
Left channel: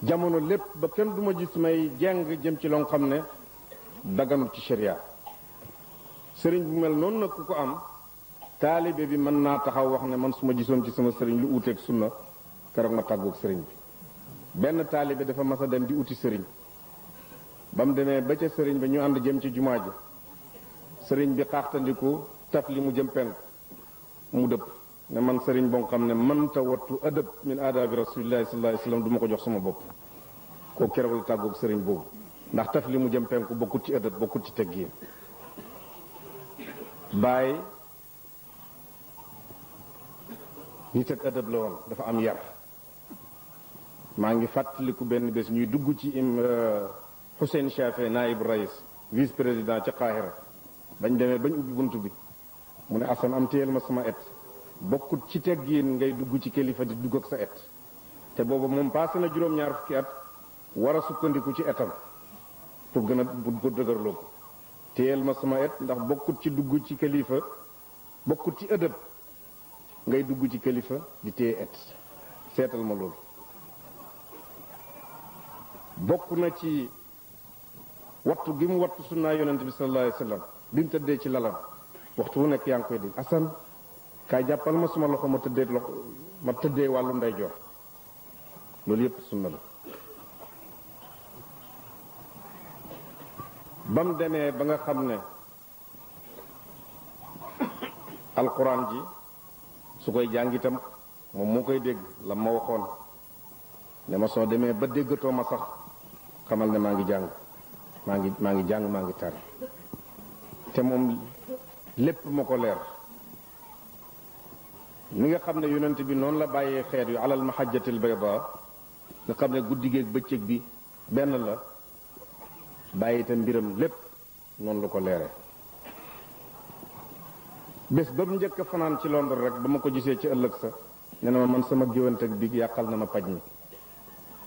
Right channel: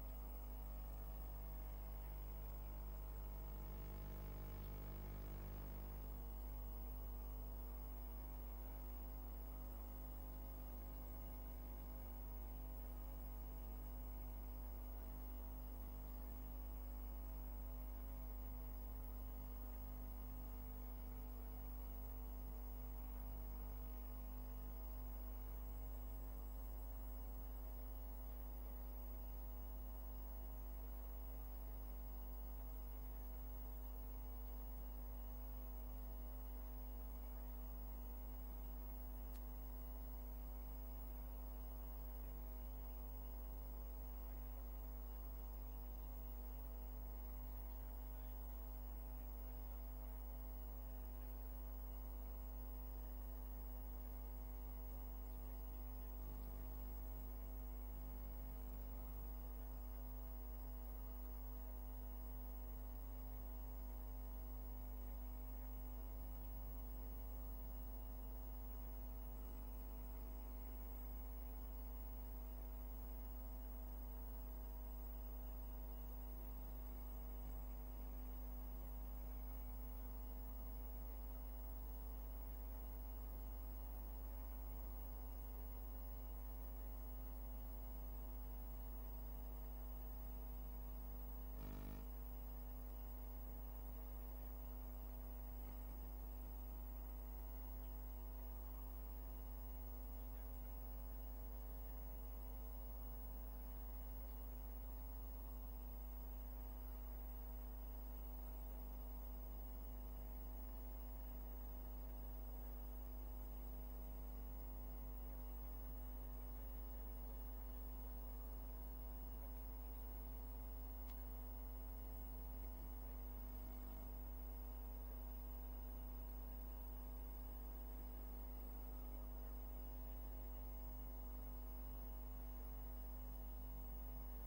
bi jamono lépp ba kenn duma gis may jeng jëm ci loo xam ne daganul ci sharia sëriñ bu mel noonu nag ku ko am taalibe bi mën naa taxaw wax ne man su ma gisoon ci sama sëriñ lu uuteeg sunna keroog ma tàggoog sëriñ bi benn taalibe dafa mas a dem di uti sëriñ ba mu demee ba ca sëriñ ba ñu ànd jëm ci jumaa ji sëriñ bi xaaxtandiku taf li mu jëm penk mu dëpp ne man sëriñ boo xam ne mënta wattu adab min aadaabi rasulillahi sallallahu alayhi wasallam du ma ko jox sama bopp koo keroog la tàggoog sëriñ boobu ndax taf li mu jëm penku bokkut ci adab bokkut ci teggiin Baay nit ak adab la woon dafa am yar maa ngi fàttaliku benn bés ñuy dugg ci Hussein Chafe naib rais vice président ca Qahira bañ demee bañ ubbi bunt bi mu ne Assane am téyel ma sama et bokkut ci teggiin ngay dugg ci kilifa di dugg ak sa et te booba moom passé na juróom-ñaar fukki at war a sukkandiku ci etam pour gën a bu dëgërloo ko téyel ma sama et ndax bokkut ci dugg ci kilifa bokkut ci ëdëb ngay dugg ci kilifa di téye et seetal ma loolu bokk na ci wattu gi mu wattu sunnaa yonent bi sallallahu alayhi wasallam bi mu tëddee ci lalam waxtu wu nekk yaa ngi koy dégg Assane kaay jàppal ma suma loxo ma tëddee wàllu ndeyjoor loolu yépp sunna la ba mu demee ba nga xam ne alquran ji su koy jàng itam moom moo koy dégg la ma waxoon ne ma soo demee ba déggatoo ma sax xamal ne maa ngi jàng maa ngi jàng maa ngi tari te moom lépp ma ko leer ni nga xam ne yonent bi noonu la bàyyee xeet yu alal mahajjatil bayda nga xam ne guddi gi ak bëccëg bi benn la bàyyi itam mbiram lépp noonu la ko leere bés ba mu njëkk a fanaan ci Londres rek ba ma ko gisee ci ëllëg sa ne na ma man sama géwante bi yàqal na ma paj mi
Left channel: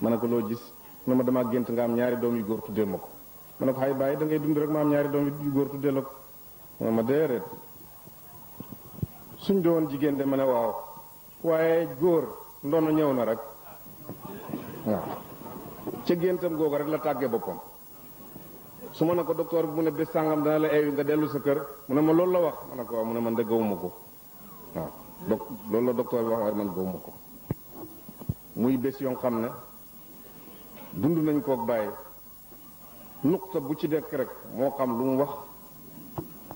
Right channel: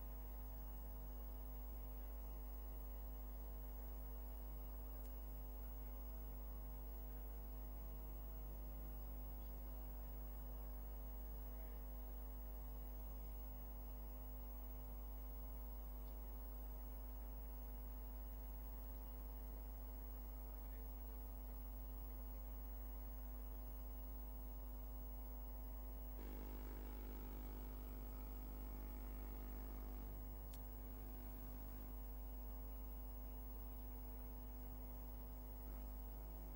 ma ne ko loo gis ne ma dama gént nga am ñaari doom yu góor tuddee ma ko ma ne ko xay bàyyi da ngay dund rek ma am ñaari doom yu góor tuddee la ko ma déedéet suñ doon jigéen de ma ne waaw waaye góor ndono ñëw na rek waaw ca géntam googu rek la tàggee boppam su ma ne ko docteur bi mu ne bés sàngam dana la eewi nga dellu sa kër mu ne ma loolu la wax ma ne ko waaw mu ne man de gawuma ko waaw loolu la docteur bi wax waaye man gawuma ko muy bés yoo xam ne dund nañ kook bàyyi nuqta bu ci dekk rek moo xam lu mu wax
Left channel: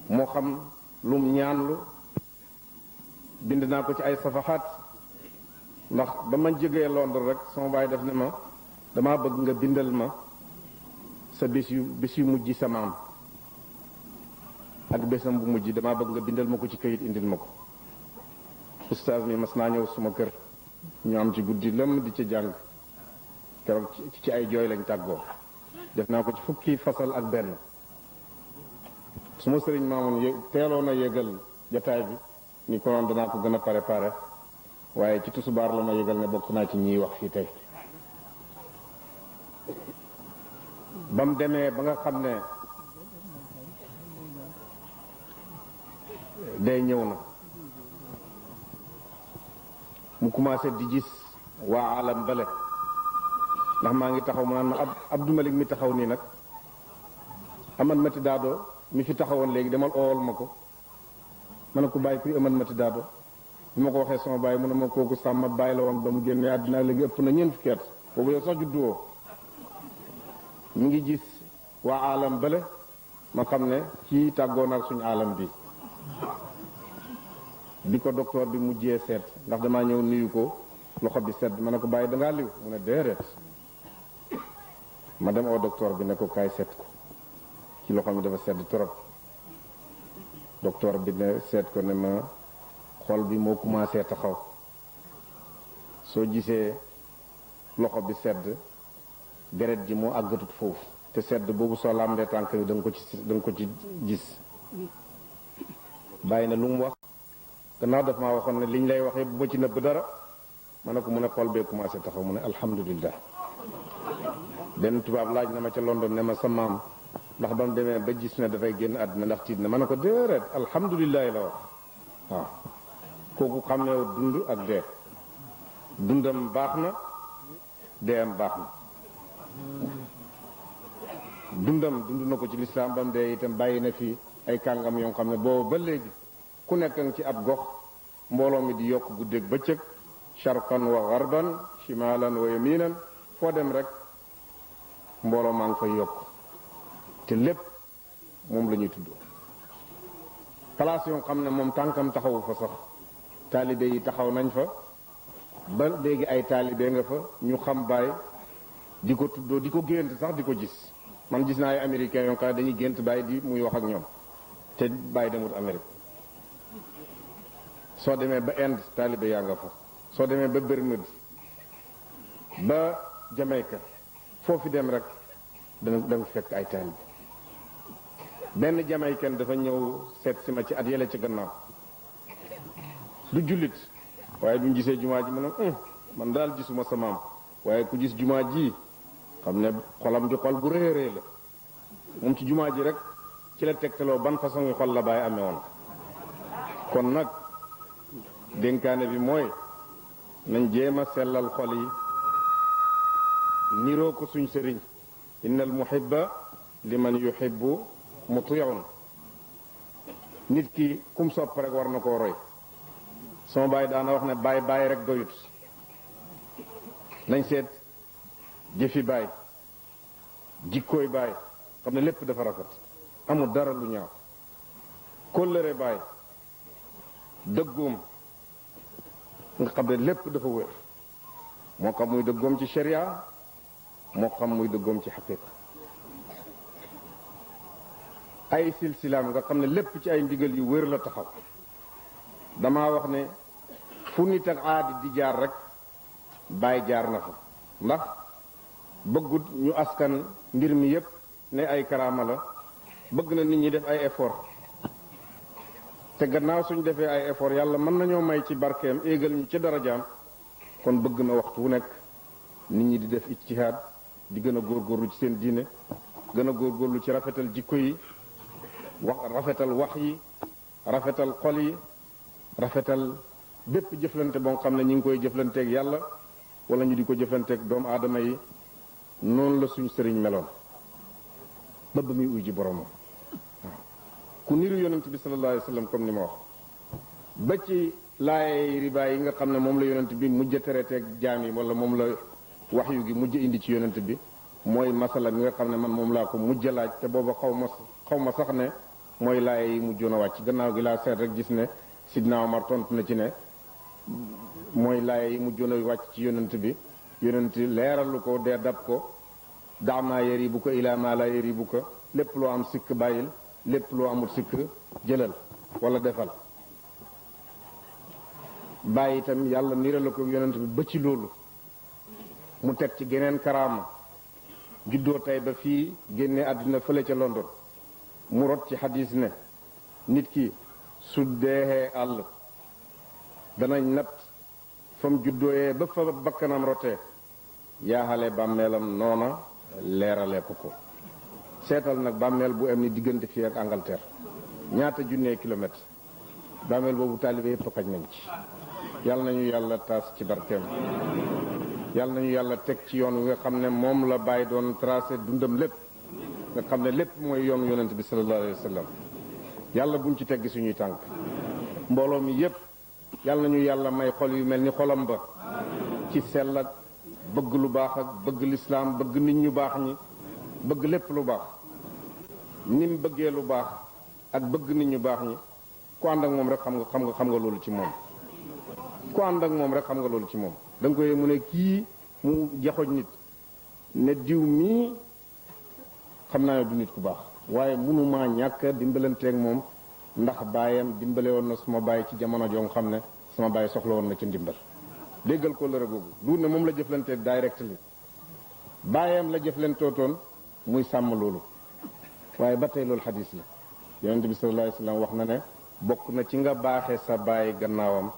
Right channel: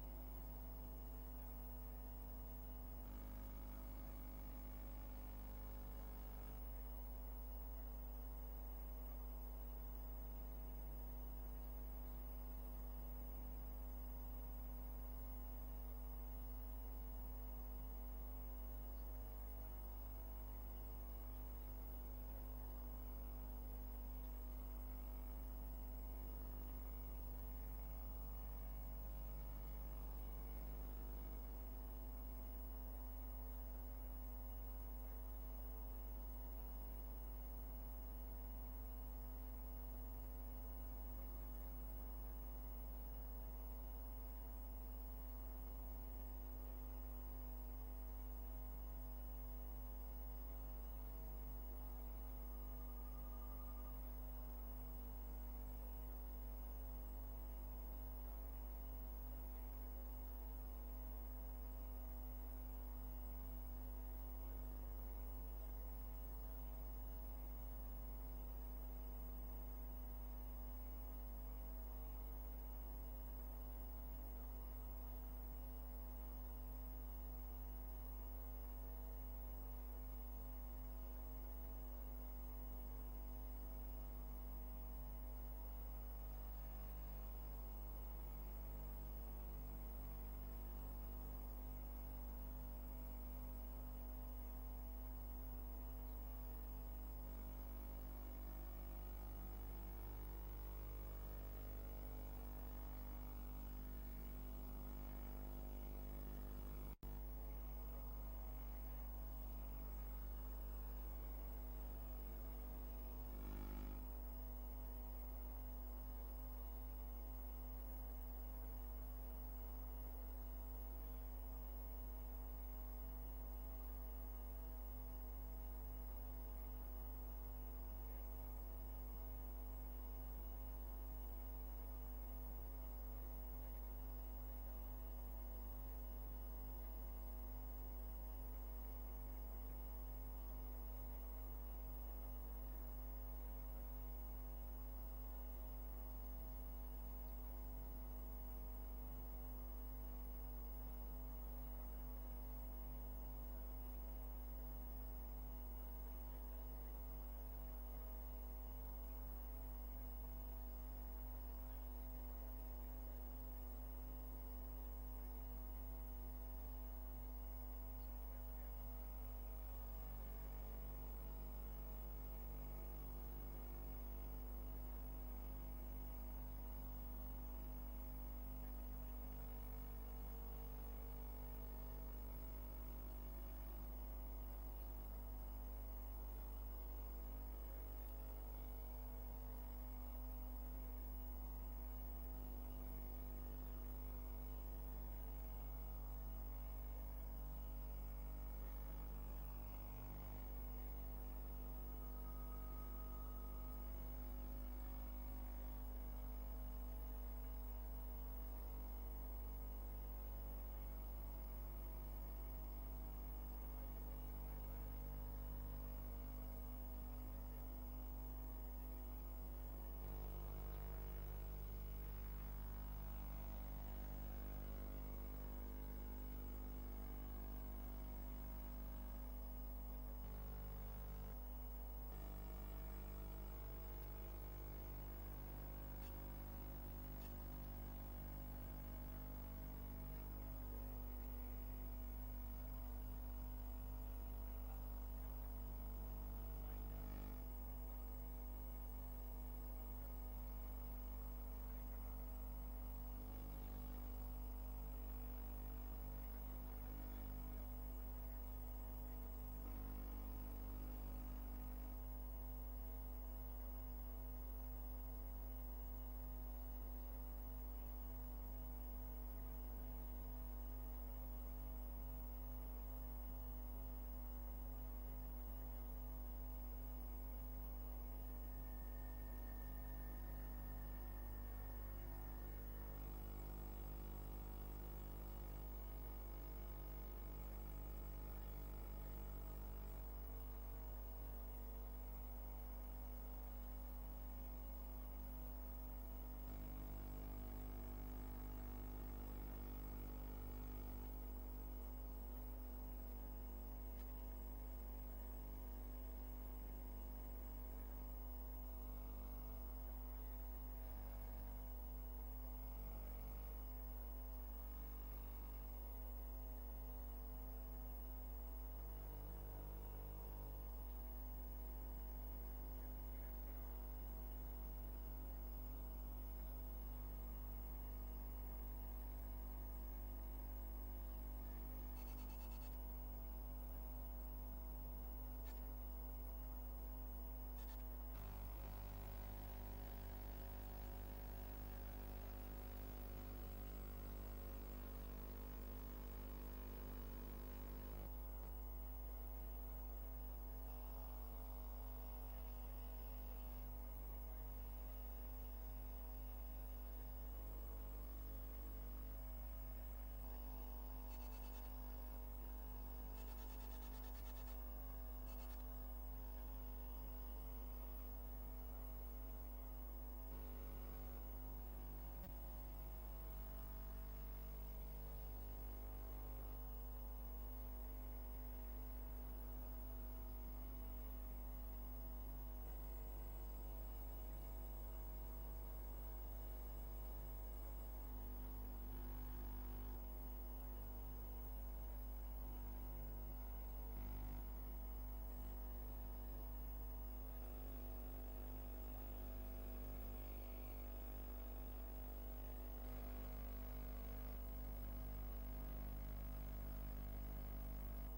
moo xam lu mu ñaanlu bind naa ko ci ay safaxaat ndax ba ma jógee Londres rek sama baay def ne ma damaa bëgg nga bindal ma sa bés yu mujj sa maam ak bésam bu mujj damaa bëgg nga bindal ma ko ci kayit indil ma ko oustaz mi mas naa ñëw suma kër ñu am ci guddi lëmm di ca jàng keroog ci ay jooy lañ tàggoo def naa ko ci fukki fasal ak benn suma sëriñ maamoon teeloon a yégal jataay bi ni ko noon danaa ko gën a préparé waaye ci tusubaar la ma yégal ne bokk naa ci ñiy wax fii tey ba mu demee ba nga xam ne day ñëw na mu commencé di gis waa alam bale ndax maa ngi taxaw mu naan ma Abdou Malik mi taxaw nii nag aman mati daado mi fi taxawoon léegi demal oowal ma ko ma ne ko bàyyi kuy aman mati daado bi ma ko waxee sama bàyyi mu ne ma kooku sàmm bàyyi la woon ba mu génnee àddina léegi ëpp na ñeent fukki at boobu yow sax judduwoo mi ngi gis waa alam bale ma xam ne kii tàggoo naag suñu alam bi ko docteur bi mujjee seet ndax damaa ñëw nuyu ko loxo bi sedd ma ne ko bàyyi dangaa liw mu ne déedéet ma dem au docteur bi ne ko kaay seet ko ci loxo mi dafa sedd trop docteur bi ne seet ko ne ma xol bi moo commencé taxaw soo gisee loxo bi sedd deret ji moo àggatut foofu te sedd boobu soo làmbee tànk bi da nga ko ci gis bàyyi na lu mu wax gannaaw daf maa waxoon ne liñ lay waxee bu ma ci nëbb dara ma ne ko mu ne xol bee commencé taxaw mu ne alhamdulillah benn tubaab laaj na ma ca London ne ma sa maam ndax ba mu demee ba gis ne dafay génn àddina ndax tiit na ma ne ko déedéet alhamdulillah la wax waaw kooku xam ne dund ak dee dundam baax na deeyam baax na dund na ko ci lislaam ba mu dee itam bàyyi na fi ay kàngam yoo xam ne boobu ba léegi ku nekk nga ci ab gox mbooloo mi di yokk guddeeg bëccëg sharqan wa garban shimalan wa yaminan foo dem rek mbooloo maa ngi fay yokk te lépp moom la ñuy tudd place yoo xam ne moom tànkam taxawu fa sax taalibe yi taxaw nañ fa ba léegi ay taalibe nga fa ñu xam baay di ko tuddoo di ko gént sax di ko gis man gis naa ay américains yoo xam ne dañuy gént baay di muy wax ak ñoom te baay demut Amérique soo demee ba Inde taalibe yaa nga fa soo demee ba Bermude ba Jamaïque foofu dem rek danga fekk ay taalibe benn Jamaïcain dafa ñëw seet si ma ci at yële ci gannaaw du jullit waaye bi mu gisee jumaa ji mu ne man daal gisuma sa maam waaye ku gis jumaa ji xam ne xolam di xol bu rëy rëy la moom ci jumaa ji rek ci la tegtaloo ban façon yi xol la Baay amee woon kon nag dénkaane bi mooy nañ jéem a sellal xol yi niroo ko suñ sëriñ innal muhibba liman yuhibbu muti'un nit ki kum sopp rek war na koo roy sama baay daana wax ne baay rek doyut nañ seet jëfi baay jikkooy baay xam ne lépp dafa rafet amul dara lu ñaaw kóllëre baay dëggoom nga xam ne lépp dafa wér moo xam muy dëggoom ci sharia moo xam muy dëggoom ci xaqiqa ay silsilaam nga xam ne lépp ci ay ndigal yu wér la taxaw damaa wax ne fu nit ak aadi di jaar rek Baay jaar na fa ndax bëggut ñu askan mbir mi yépp ne ay karaama la bëgg na nit ñi def ay effort te gannaaw suñ defee ay effort yàlla mën nañoo may ci barkeem éegal ñu ci darajaam kon bëgg na waxtu wu nekk nit ñi di def ijtihaad di gën a góorgóorlu ci seen diine gën a góorgóorlu ci rafetal jikko yi rafetal wax yi rafetal xol yi rafetal bépp jëflante boo xam ne ñi ngi koy jëflanteeg yàlla wala ñu di ko jëflanteeg doomu aadama yi noonu la suñ sëriñ meloon ba ba muy uy ji boromam waaw ku niru yonent bi sallallahu alayhi wa sallam comme ni ma wax ba ci laay riba yi nga xam ne moom la yonent bi mujj a tereteeg jaam yi wala moom la waxyu gi mujj indi ci yonent bi mooy masala mi nga xam ne man moom laa ko mujj a laaj te booba xaw ma sax ne mooy laay yi mujjoon a wàcc gannaaw gi laa seet rek gis ne Sidna Omar tontu na ci ne mooy laay yi mujjoon a wàcc ci yonent bi yonent leeralu ko dee dab ko daamaa yëri bu ko ilaa maa laa yëri bu ko lépp loo am sikk bàyyil lépp loo amul sikk jëlal wala defal bàyyi itam yàlla nirala ko yonent bi ba ci loolu mu teg ci geneen karaama juddoo tey ba fii génne àddina fële ca London mu rot ci xadis ne nit ki su deexee àll danañ natt fa mu juddooyee ba fa bakkanam rotee yaaxale bàmmeelam noona leerale ko seetal nag bàmmeel bu am ni diggante fii ak Angleterre ñaata junnee kilomètre bàmmeel boobu taalibe yépp xaj nañ ci yàlla nañu yàlla taas ci barkeem yàlla nañu yàlla teg ci yoon wi nga xam ne moom la bàyyi doon tracé dundam lépp nga xam ne lépp mooy yoonu yonent bi sallallahu alayhi wa sallam yàlla buñ ci teggi suñuy tànk mbooloo mi yépp yàlla nañu yàlla may xol yu mel ni xolam ba ci sell ak bëgg lu baax ak bëgg lislaam bëgg nit ñu baax ñi bëgg lépp lu baax ni mu bëggee lu baax ak bëgg nit ñu baax ñi ku ànd ak moom rek xam nga loolu ci moom ku ànd ak moom rek xam nga loolu ci moom da nga koy mu ne kii mu jaxoñ nit ne diw mii xam naa ne du nit ku baax waaye mënumaa ñàkk dimbalanteeg moom ndax baayam dimbale woon na suma baay ci jamono joo xam ne sama baay soxla woon na ci ndimbal déggal ko lëre googu du ne moom la jëflanteeg directly baayam la jëflantootoon muy sàmm loolu waaye ba tey loolu xadis la yonente bi sallallahu alayhi wasallam wax na ne bokk na ci nga baaxe sa baay gannaawam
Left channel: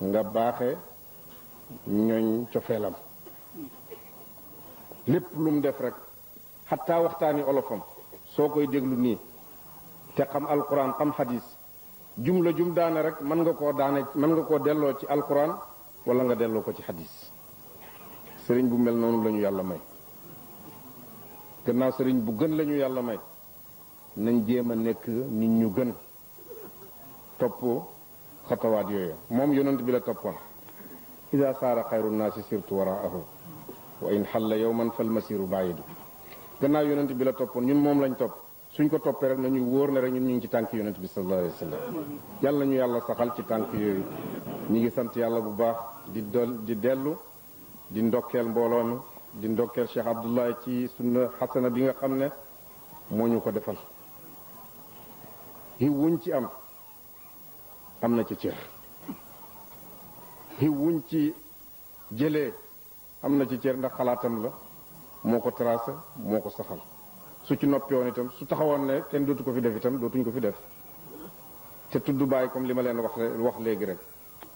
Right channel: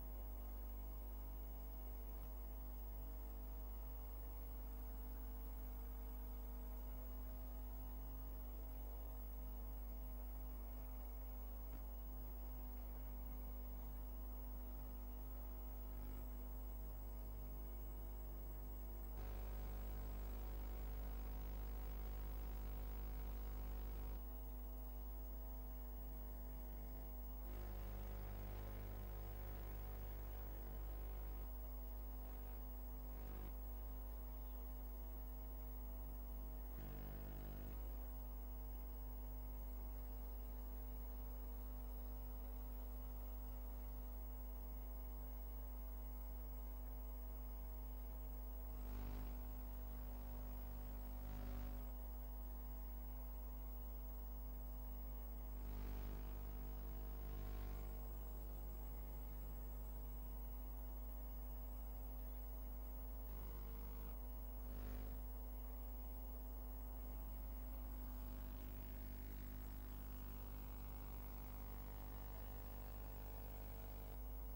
nga baaxe ñooñ cofeelam lépp lu mu def rek xataa waxtaani olofam soo koy déglu nii te xam alquran xam xadis jumla jum daane rek mën nga koo delloo ci alquran wala nga delloo ko ci xadis sëriñ bu mel noonu la ñu yàlla may gannaaw sëriñ bu gën la ñu yàlla may nañ jéem a nekk nit ñu gën topp xatawaat yooyu moom yonent bi la toppoon ida saara xayru naasi sirtu waraahu wa in xalla yowman fal masiru baidu gannaaw yonent bi la toppoon ñun moom lañ topp suñ ko toppee rek nañu wóor ne rek ñun ñu ngi ci tànk yonent bi sallallahu alayhi wa sallam yàlla ñu yàlla saxal ci tànk yooyu ñi ngi sant yàlla bu baax di dellu di ndokkeel mbooloo mi di ndokkeel Cheikh Abdoulaye ci sunna xasana bi nga xam ne moo ñu ko defal xiw wuñ ci am na ci cër xiw wuñ ci jëlee am na ci cër ndax xalaatam la moo ko tracé moo ko saxal su ci noppi woon itam su taxawoon ne kenn dootu ko fi def itam dootuñ ko fi def te tudd bàyyi comme li ma leen wax léegi rek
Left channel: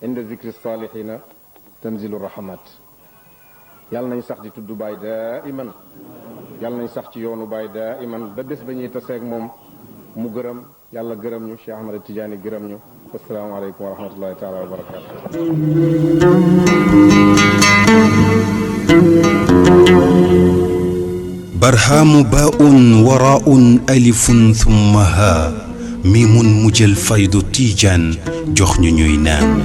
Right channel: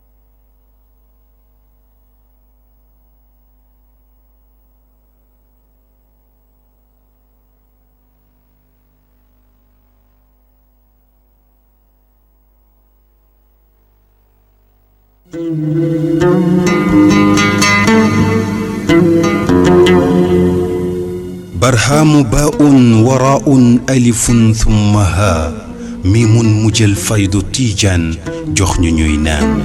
inda zikri salihina tanzilu rahmat yàlla nañ sax di tudd bàyyi daa iman yàlla nañ sax ci yoonu bàyyi daa iman ba bés ba ñuy taseeg moom mu gërëm yàlla gërëm ñu Cheikh Ahmad Tidiane gërëm ñu asalaamaaleykum wa rahmatullahi taala wa barakatu برهام باء وراء ألف ثم ها ميم مجل فيض تيجان جخن نينان